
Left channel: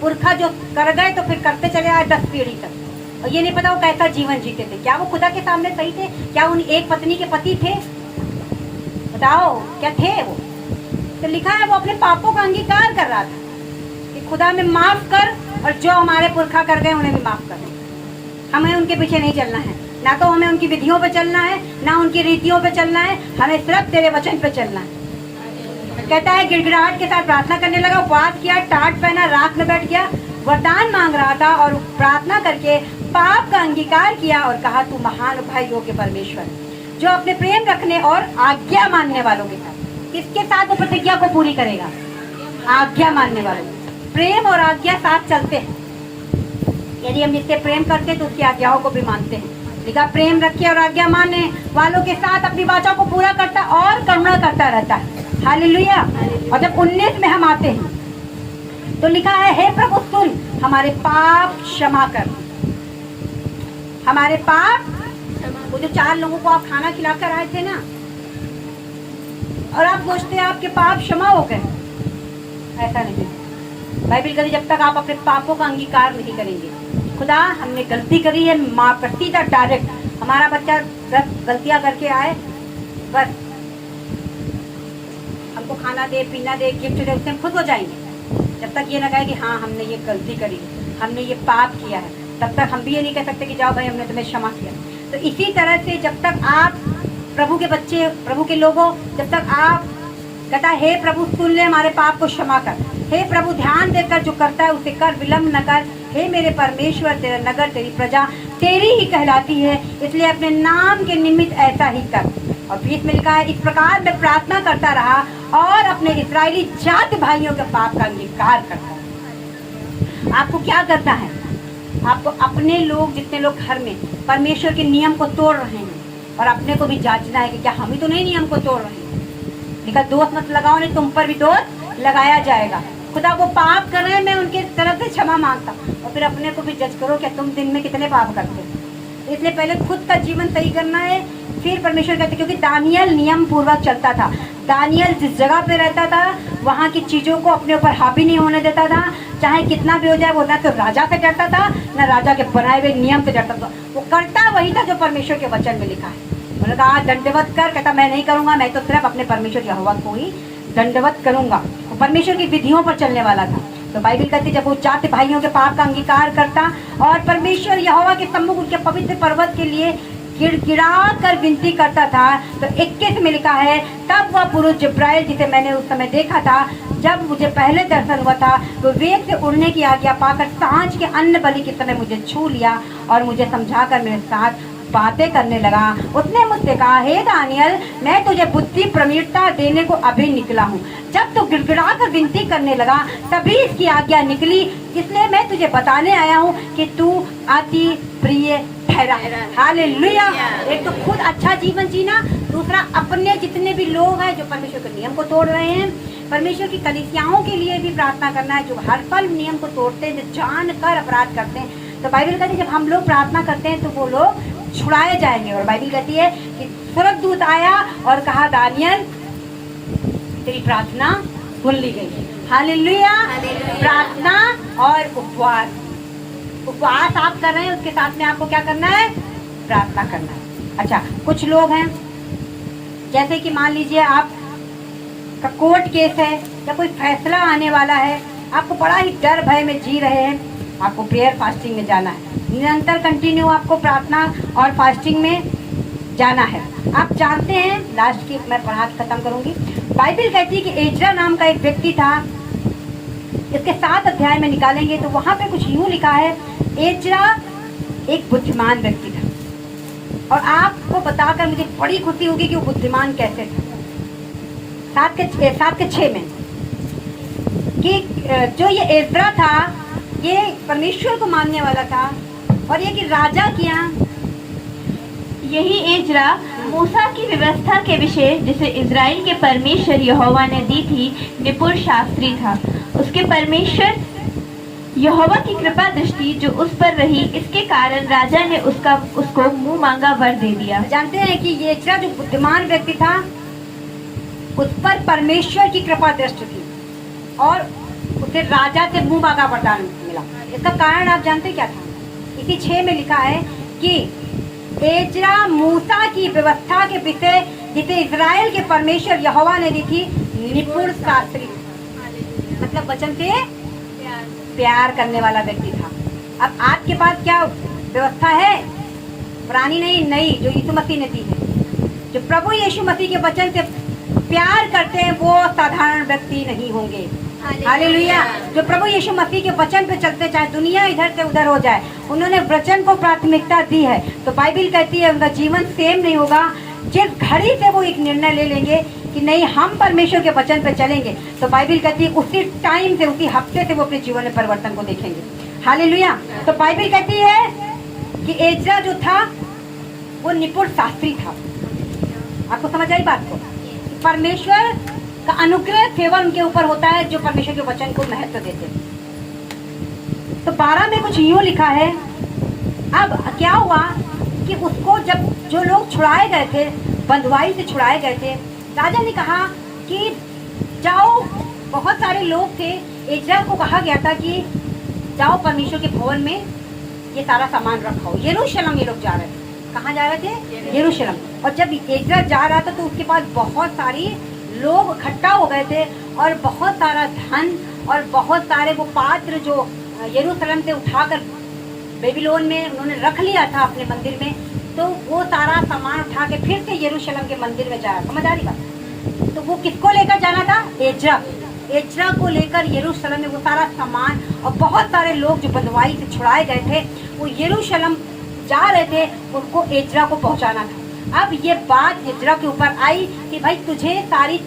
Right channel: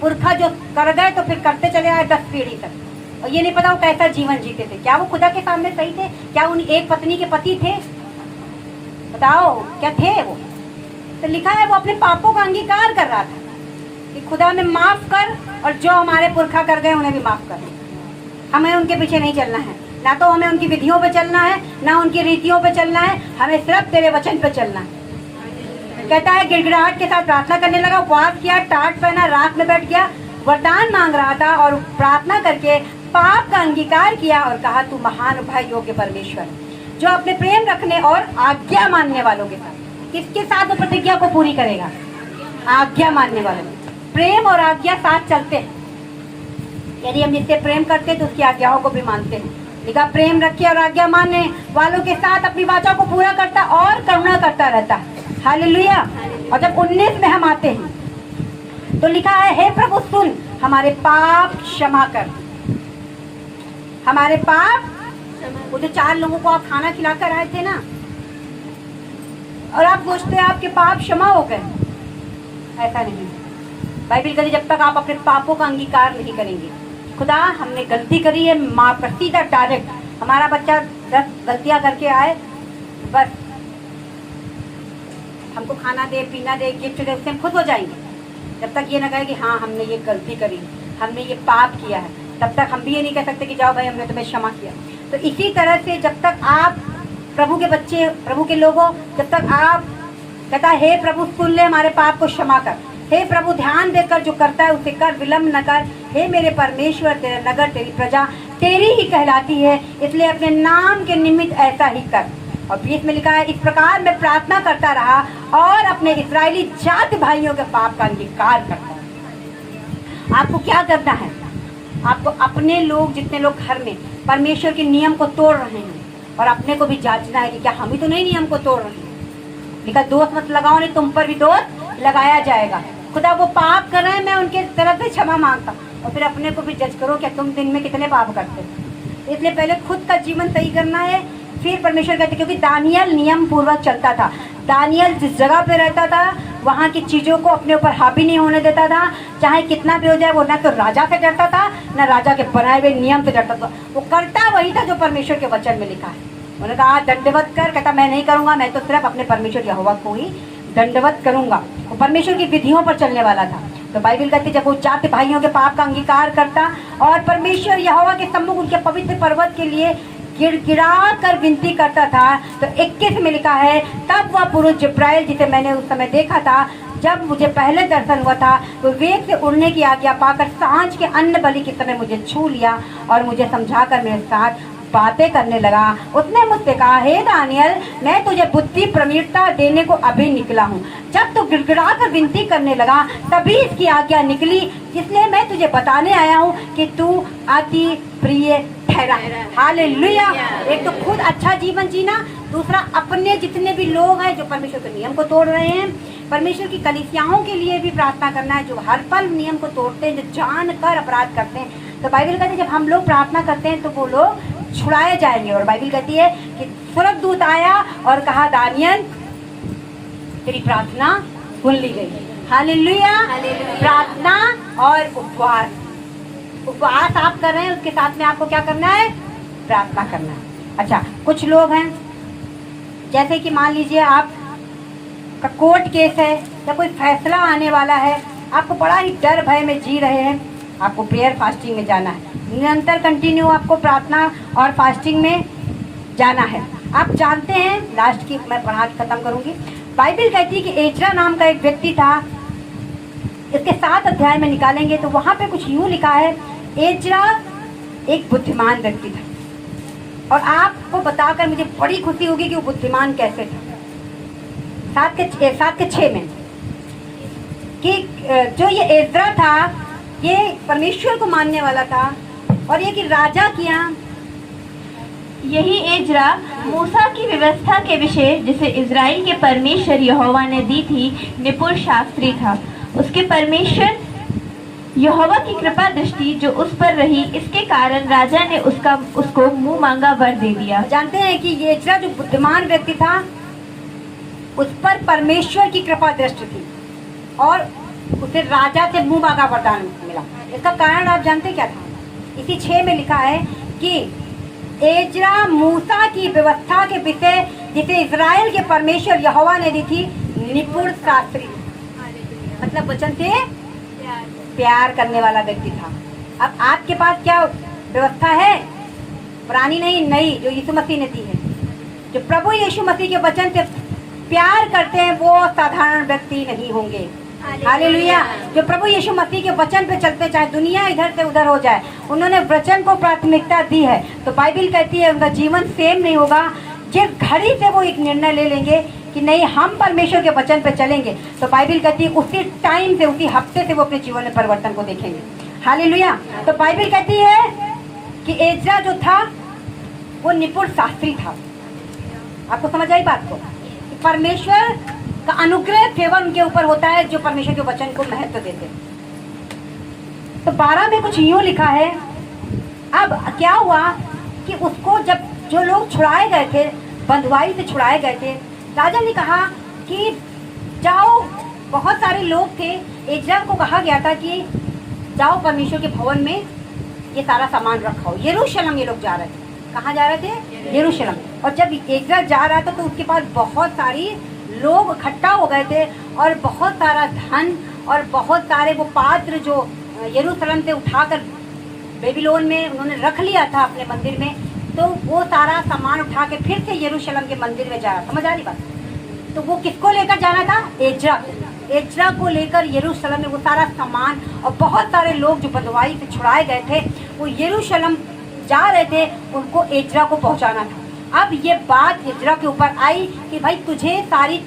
पुरखा जो कर गए तो फिर करते चले आए 10 पीढ़ी तक। और ये नहीं पता वो कैसा जीवन जीते थे। क्या वो खुदा के सामने सही थे? क्या उन एक पत्नी के पति थे? बताओ क्या थे वो? तो लिखा है वो अपने पापों का अंगीकार कर रहा था कि खुदा में माफ कर, और जो हमारे पुरखा कर गए उन्हें भी माफ कर। हमें उनके पीछे नहीं चलना है, ना तो हमें उनकी विधियों पे चलना है, ना उनकी रीतियों पे चलना है। हमें सिर्फ तेरे वचन पे चलना है। कहता है गिड़गिड़ाहट के साथ प्रार्थना करने लगा, उपवास किया, टाट पहना, रात में बैठ गया, वरदान मांग रहा था और प्रार्थना करके पाप का अंगीकार किया और कहा तू महान भय योग्य परमेश्वर, जो अपने प्रेम रखने और आज्ञा मानने वालों के साथ, किसके साथ वो प्रतिज्ञा को पूरी करेगा? आज्ञा मानने वालों में। प्रेम और आज्ञा साथ चलते हैं। यदि हम जिससे प्रेम करते हैं तो उसकी आज्ञाओं को भी मानते हैं। लिखा प्रेम रखे और आज्ञा मानने वालों के साथ अपनी वाचा को पूरा करता और करुणा करता रहता है। हालेलुया। और जब 19 में हम आते हैं तो लिखा है, हे प्रभु सुन, हमारे पाप क्षमा कर। हमारे पाप, वो जो 4 लोगों को आप खाना खिलाकर आए थे ना, और आप सोचते हैं आपके पाप क्षमा हो गए, ऐसा नहीं। बाइबल कहती जब तक आप अपने पापों का अंगीकार नहीं करेंगे, खुदा हमने गलती करी है, माँ पर सीधा डायरेक्ट, हमारा बच्चा 10 गलतियां करके आए, बस हमको खाना दे, पीना दे, गिफ्ट दे, उससे हम खुद हो जाएंगे। जब तक ये ना कहे कि हाँ हमने ये गलती करी, हमने ये पाप किया है, तब तक हम भी ये नहीं कह सकते कि जाओ भाई हमने तुम्हें क्षमा किया। तो इसी तरह से जब तक आप प्रभु के बच्चे, प्रभु के लोगों, जब तक आप कहता है हे प्रभु सुन ले, हमारे पाप को क्षमा कर, हे प्रभु ध्यान देकर जो करता है उसे कर, विलम्ब न कर, हे मेरे परमेश्वर, तेरा नगर, तेरी प्रजा तेरी ही कहलाती है, इसलिए अपने नाम के निमित्त ऐसा ही कर। और 20 में लिखा है, इस प्रकार मैं प्रार्थना करता रहा और अपने इस्राएली जाति भाइयों के पाप का अंगीकार करता है। आपको क्या करना है? आपको अपने लोग, जितने लोग घर में परमेश्वर के नियम को तोड़ रहे हैं, और अपने को भी जांचना है कि क्या हम ही तो नहीं नियम को तोड़ रहे हैं। लिखा दोष मत लगाओ, नहीं तुम पर भी दोष लगाया जाएगा। खुदा वो पाप कर रहे हैं, मैं उनके तरफ से क्षमा मांगता, और फिर अपने को भी जज करो, क्या तुम दिन में कितने पाप करते हो। इसलिए पहले खुद का जीवन सही करना है, फिर परमेश्वर कहते, क्योंकि दानियल नियम पूर्वक चलता था। दानियल जिस जगह पे रहता था वहाँ की चीजों को अपने ऊपर हावी नहीं होने देता था, चाहे कितना भी हो जाए। वो ना तो राजा से डरता था, ना राजा के बनाए हुए नियम से डरता था, वो करता वही था जो परमेश्वर के वचन में लिखा है। उन्होंने कहा दंडवत कर, कहता मैं नहीं करूंगा, मैं तो सिर्फ अपने परमेश्वर यहोवा को ही दंडवत करूंगा। वो परमेश्वर की विधियों पर चलने वाला था। तो बाइबल कहती जब वो जाति भाइयों के पाप का अंगीकार करता और परमेश्वर यहोवा के सम्मुख उनके पवित्र पर्वत के लिए गिड़गिड़ा कर विनती करता था, तो 21 में लिखा है, तब वह पुरुष जिब्राइल जिसे मैंने उस समय देखा था, जब मुझे पहले दर्शन हुआ था, वो वेग से उड़ने की आज्ञा पाकर सांझ के अन्न बलि की तरह मुझे छू लिया और मुझे समझाकर मेरे साथ बातें करने लगा। उसने मुझसे कहा, हे दानियल, मैं तुझे बुद्धि प्रवीणता देने को अभी निकला हूँ। जब तू गिड़गिड़ा कर विनती करने लगा तभी इसकी आज्ञा निकली, इसलिए मैं तुझे बताने आया हूँ कि तू अति प्रिय ठहरा। हालेलुया। एक तो खुद अच्छा जीवन जीना, दूसरा अपने जितने भी लोग हैं जो परमेश्वर के नियम को तोड़ रहे हैं, परमेश्वर की कलीसियाओं के लिए भी प्रार्थना करना है, जो हर पल नियम को तोड़ते हैं, जो जानकर अपराध करते हैं। तो बाइबल कहती है जब हम लोग प्रार्थना करते हैं तो वो लोग छुड़ाए जाएंगे। और बाइबल कहती है कि स्वर्गदूत आया और कहा, दानियल तेरी प्रार्थना सुन ली गई। हालेलुया। प्रार्थना और उपवास, उपवास आप कर रहे हैं, उसके साथ में आपको क्या करना है? प्रार्थना करना है। अच्छा, कुछ लोग हैं जैसे कि मान लीजिए आप का कोर्ट केस है या कोई फैसला आने वाला है, आपको बड़ा ही डर भय में जी रहे हैं, आपको प्रेयर फास्टिंग में जाना है, निरंतर कंटिन्यू आपको प्रार्थना और फास्टिंग में जाना है। आप जानते हैं, लास्ट की मैं पढ़ा के खत्म करूंगी। बाइबल कहती है कि एजरा नाम का एक व्यक्ति था, इसके 7 अध्याय में निकालेंगे तो वहां पे कुछ यूं लिखा है, एजरा एक बुद्धिमान व्यक्ति था। और आपको बताकर मुझे बड़ी खुशी होगी कि वो बुद्धिमान कैसे था। 7 के 6 में कि जो ये एजरा था ये परमेश्वर को मानने वाला था, और ये कि राजा के यहाँ यही एजरा मूसा की व्यवस्था के विषय जिसे इजराइल के परमेश्वर यहोवा ने दी थी निपुण शास्त्री था। उसके परमेश्वर यहोवा की कृपा दृष्टि जो उस पर रही, इसके कारण राजा ने उसको मुंह मांगा वर दे दिया। जानते हैं कि ये एजरा जो बुद्धिमान व्यक्ति था उस पर परमेश्वर की कृपा दृष्टि थी और उसे राजा से मुंह मांगा वरदान मिला। इसका कारण आप जानते क्या था? इसी 6 में लिखा है कि एजरा मूसा की व्यवस्था के विषय जिसे इजराइल के परमेश्वर यहोवा ने दी थी निपुण शास्त्री, मतलब वचन से प्यार करने वाला व्यक्ति था। अब आपके पास क्या व्यवस्था है? पुरानी नहीं, नई, जो यीशु मसीह ने दी है। जो प्रभु यीशु मसीह के वचन से प्यार करते हैं वो साधारण व्यक्ति नहीं होंगे। हालेलुया। जो प्रभु यीशु मसीह के वचन पे चलते, चाहे दुनिया इधर से उधर हो जाए, उन्होंने वचन को प्राथमिकता दी है, तो बाइबल कहती है उनका जीवन सेम नहीं होगा। जिस घड़ी से वो एक निर्णय ले लेंगे कि नहीं हम परमेश्वर के वचन पे चलेंगे, तो बाइबल कहती है उसी टाइम से, उसी हफ्ते से वो अपने जीवन में परिवर्तन को देखेंगे। हालेलुया। तो बाइबल कहती है कि एजरा जो था वो निपुण शास्त्री था। आपको समझ आई बात को? परमेश्वर का अनुग्रह फेवर उनके ऊपर होता है जो परमेश्वर के वचन को महत्व देते हैं। तो 12 में कुछ यूं लिखा है। अब क्या हुआ कि उसको जब जो लोग छुड़ाए गए थे, बंधुआई से छुड़ाए गए थे, राजा ने कहा कि जाओ, बहुत सारे लोग थे, एजरा को कहा गया था कि जाओ परमेश्वर के भवन में ये सारा सामान रखो। यरूशलेम ये लोग जा रहे थे। कहाँ जा रहे थे? यरूशलेम। और जब एजरा जा रहा था तो उसके पास बहुत सारी लोग इकट्ठा हो गए थे और बहुत सारा धन और बहुत सारे वो पात्र जो यरूशलेम से उठाकर बेबीलोन में उन्होंने रख लिया था अपने मंदिर में, तो वो सारा सामान उठा के फिर से यरूशलेम के मंदिर में जा रहा। समझ आ रही बात? तो वो किसको लेकर जाना था? एजरा को लेकर यरूशलेम में वो सारा सामान और बहुत सारे लोग जो बंधुआई से छुड़ाए गए थे वो यरूशलेम जा रहे थे, उनको एजरा को पहुंचाना था। अब ये बात एजरा के ऊपर आई कि भाई तुझे सारी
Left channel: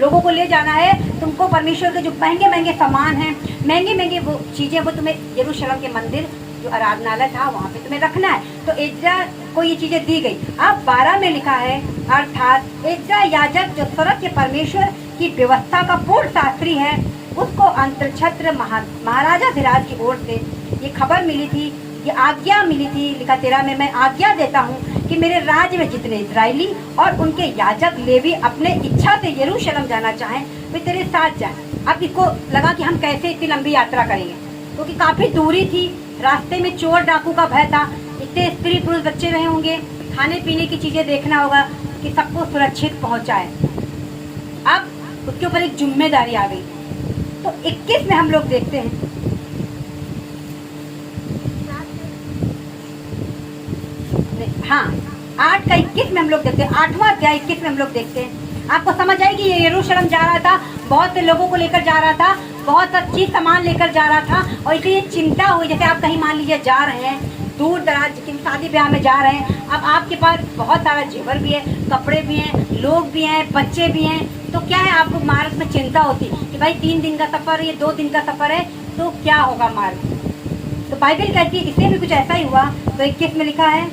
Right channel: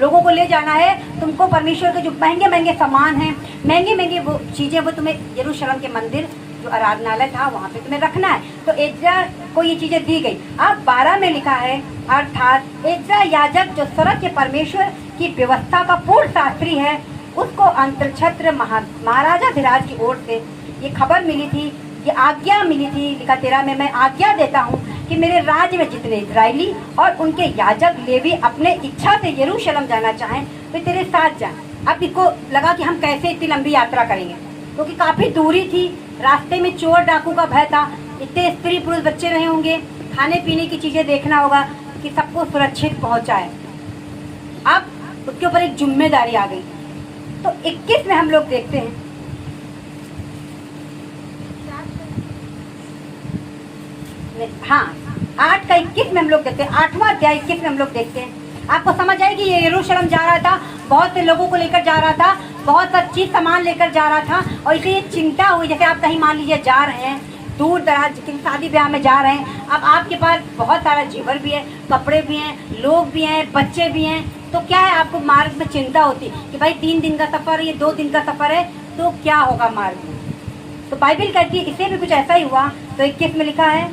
लोगों को ले जाना है, तुमको परमेश्वर के जो महंगे महंगे सामान हैं, महंगे महंगे वो चीजें, वो तुम्हें यरूशलेम के मंदिर जो आराधनालय था वहाँ पे तुम्हें रखना है। तो एजरा को ये चीजें दी गई। अब 12 में लिखा है, अर्थात एजरा याजक जो स्वर्ग के परमेश्वर की व्यवस्था का पूर्ण शास्त्री है, उसको अंतरछत्र महाराजा धीराज की ओर से ये खबर मिली थी, ये आज्ञा मिली थी। लिखा 13 में, मैं आज्ञा देता हूँ कि मेरे राज्य में जितने इजरायली और उनके याजक लेवी अपने इच्छा से यरूशलेम जाना चाहें वे तेरे साथ जाएं। अब इसको लगा कि हम कैसे इतनी लंबी यात्रा करेंगे, क्योंकि काफी दूरी थी, रास्ते में चोर डाकू का भय था, इतने स्त्री पुरुष बच्चे रहे होंगे, खाने पीने की चीजें देखना होगा कि सबको सुरक्षित पहुंचाए। अब उसके ऊपर एक जिम्मेदारी आ गई। तो 21 में हम लोग देखते हैं, हाँ 8 का 21 में हम लोग देखते हैं, 8वां अध्याय 21 में हम लोग देखते हैं। आपको समझ आएगी, ये यरूशलेम जा रहा था, बहुत से लोगों को लेकर जा रहा था, बहुत सा चीज सामान लेकर जा रहा था, और इसलिए ये चिंता हुई। जैसे आप कहीं मान लीजिए जा रहे हैं, दूर दराज किसी शादी ब्याह में जा रहे हैं, अब आपके पास बहुत सारा जेवर भी है, कपड़े भी हैं, लोग भी हैं, बच्चे भी हैं, तो क्या है, आपको मार्ग में चिंता होती कि भाई 3 दिन का सफर है, ये 2 दिन का सफर है, तो क्या होगा मार्ग। तो बाइबल कहती है इसे भी कुछ ऐसा ही हुआ। तो 21 में लिखा है,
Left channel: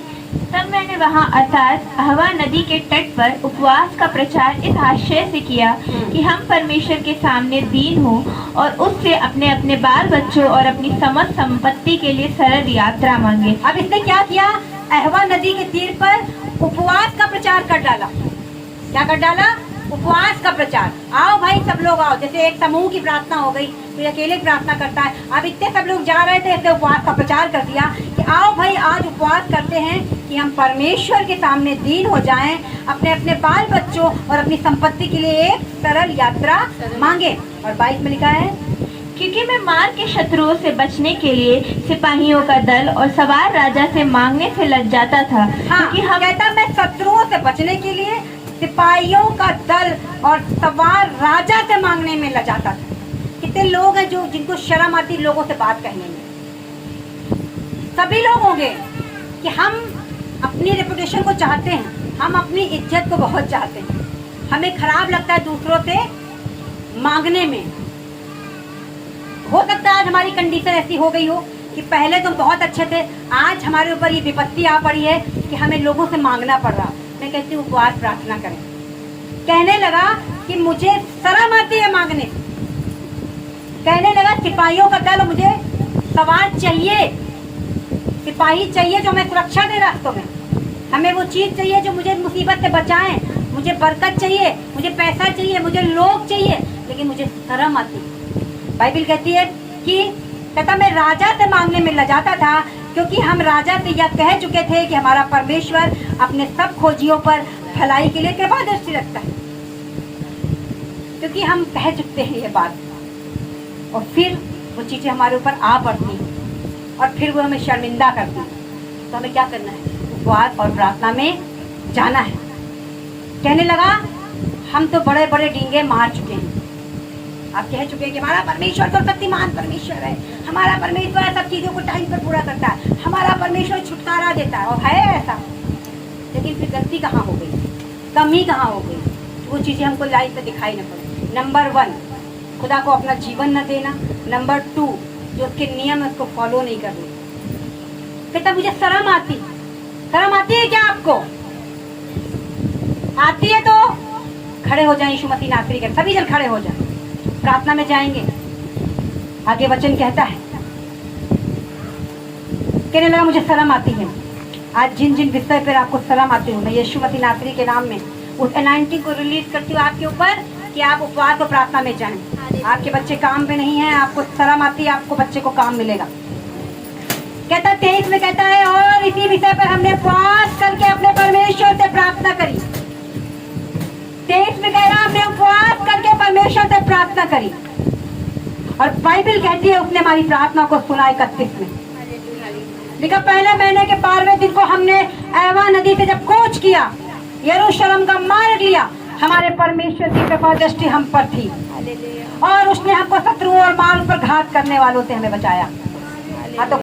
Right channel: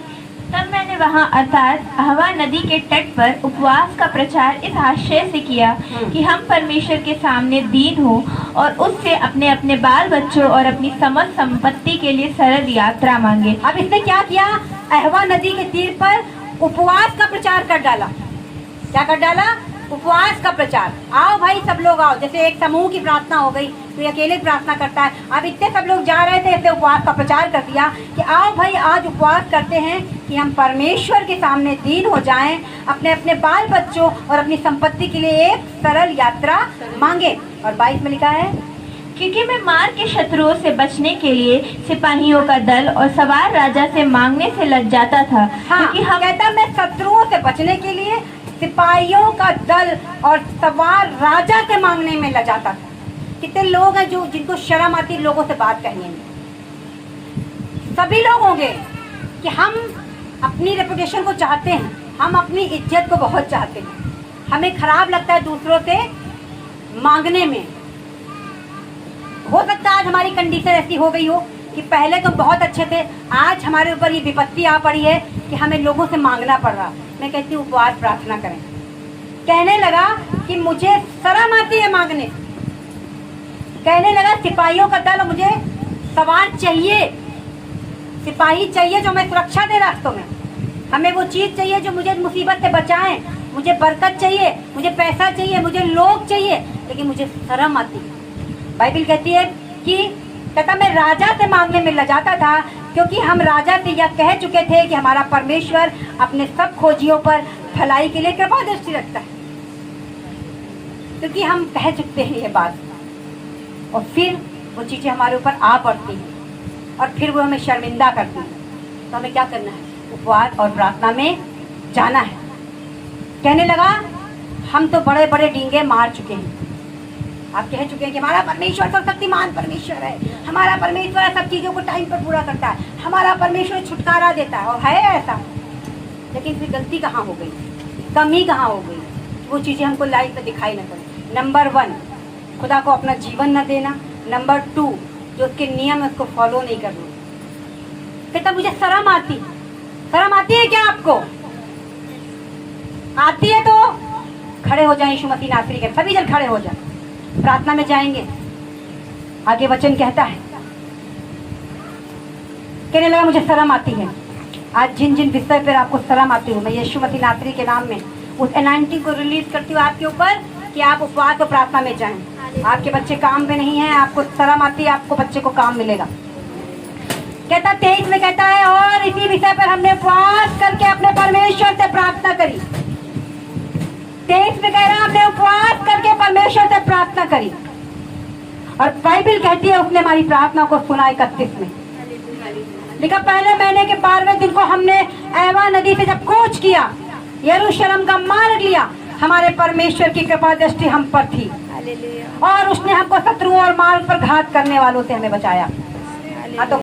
तब मैंने वहाँ अर्थात अहवा नदी के तट पर उपवास का प्रचार इस आशय से किया कि हम परमेश्वर के सामने दीन हो और उससे अपने अपने बाल बच्चों और अपनी समस्त संपत्ति के लिए सरल यात्रा मांगे। अब इसने क्या किया? अहवा नदी के तीर पर उपवास का प्रचार कर डाला। क्या कर डाला? उपवास का प्रचार। आओ भाई सब लोग आओ। जैसे एक समूह की प्रार्थना हो गई तो अकेले प्रार्थना करता है, अब इतने सब लोग जा रहे थे, इसलिए उपवास का प्रचार कर दिया कि आओ भाई आज उपवास करते हैं कि हम परमेश्वर के सामने दीन हो जाएं, अपने अपने बाल बच्चों और अपनी संपत्ति के लिए एक सरल यात्रा मांगे। और 22 में लिखा है, क्योंकि मैं मार के शत्रुओं से बचने के लिए सिपाहियों का दल और सवार राजा से मांगने से लज जाता था। हाँ, क्योंकि हम कहता मैं शत्रुओं से बचने के लिए सिपाहियों का दल और सवार राजा से मांगने में लग जाता था। कितने लोग हैं जो जिनको शर्म आती लोगों से बात कहने में। सभी लोग होंगे कि हम अपनी रेपुटेशन को चाहते हैं, हम अपनी इज्जत को बहुत चाहते हैं, हमें खराब लगता है दूसरों से मांगने में। हो सकता है आज हमारी कंडीशन ऐसी हो गई हो कि पहले तो बहुत अच्छे थे, आज हमारे ऊपर ये विपत्ति आ पड़ी है कि हमें लोगों से मांगना पड़ रहा। मैं कहती हूँ उपवास प्रार्थना करें। कहने लगा कि मुझे शर्म आती है मांगने, कहने लगा सिपाहियों का दल, मुझे सवार चाहिए, सिपाही चाहिए जो मैं सुरक्षा दे रास्तों में, हमें वो चीज चाहिए जो मुझे मुसीबत से बचाएं, मुझे बरकत चाहिए, मुझे पैसा चाहिए, मुझे लोग चाहिए, लेकिन मुझे शर्म आती है। बाइबल कहती है कि कहता मैं राजा से मांगने में लजाता था, क्योंकि हम राजा से यह कह चुके थे कि हमारा परमेश्वर अपने सब खोजियों पर भलाई के लिए कृपा दृष्टि रखता है। क्योंकि हम कह चुके हैं ये बात, और फिर वो चीजें हमारे ऊपर आ पड़ती हैं और फिर वो हमें शर्मिंदा करती हैं। तो हमें क्या करना है? उपवास और प्रार्थना में जाना है। कहने लगा हम तो बड़े बड़े डींगे मार चुके हैं, आप कह चुके हैं कि हमारा परमेश्वर तो शक्तिमान परमेश्वर है, हमारा परमेश्वर सब चीजों को टाइम पर पूरा करता है, हमारा परमेश्वर छुटकारा देता है, और है ऐसा। लेकिन फिर गलती कहाँ हो गई, कमी कहाँ हो गई? वो चीज़ें हमको लाइफ में दिखाई न पड़े। नंबर 1, खुदा को अपना जीवन न देना। नंबर 2, जो उसके नियम है उसको फॉलो नहीं करना। कहता मुझे शर्म आती है क्या आपको? आती है तो खड़े हो जाएं यीशु मसीह नासरी के, सभी जन खड़े हो जाएं, प्रार्थना में जाएंगे। आगे वचन कहता है, कहने लगा मुझे शर्म आती है। आज जिन जिन विषय पर आपको शर्म आती है, मैं यीशु मसीह नासरी के नाम में उस एनाइंटिंग को रिलीज करती हूँ आपके ऊपर कि आप उपवास और प्रार्थना में जाएं। आपके बच्चे काम पे नहीं है, आपको शर्म आती है, आपको बच्चे को काम मिलेगा। कहता 23 में कहता है, और इसी विषय पर हमने उपवास करके अपने परमेश्वर से प्रार्थना करी। 23 में कह रहा हमने उपवास करके परमेश्वर से प्रार्थना करी, और बाइबल कहती है उसने हमारी प्रार्थना को सुना। 31 में लिखा, पहले महीने के 12वें दिन को हमने एवा नदी से जब कूच किया, यरूशलेम का मार्ग लिया, हमारे परमेश्वर की कृपा दृष्टि हम पर थी, और उसने हमको शत्रुओं और माल पर घात करने वालों से हमें बचाया। हाँ, तो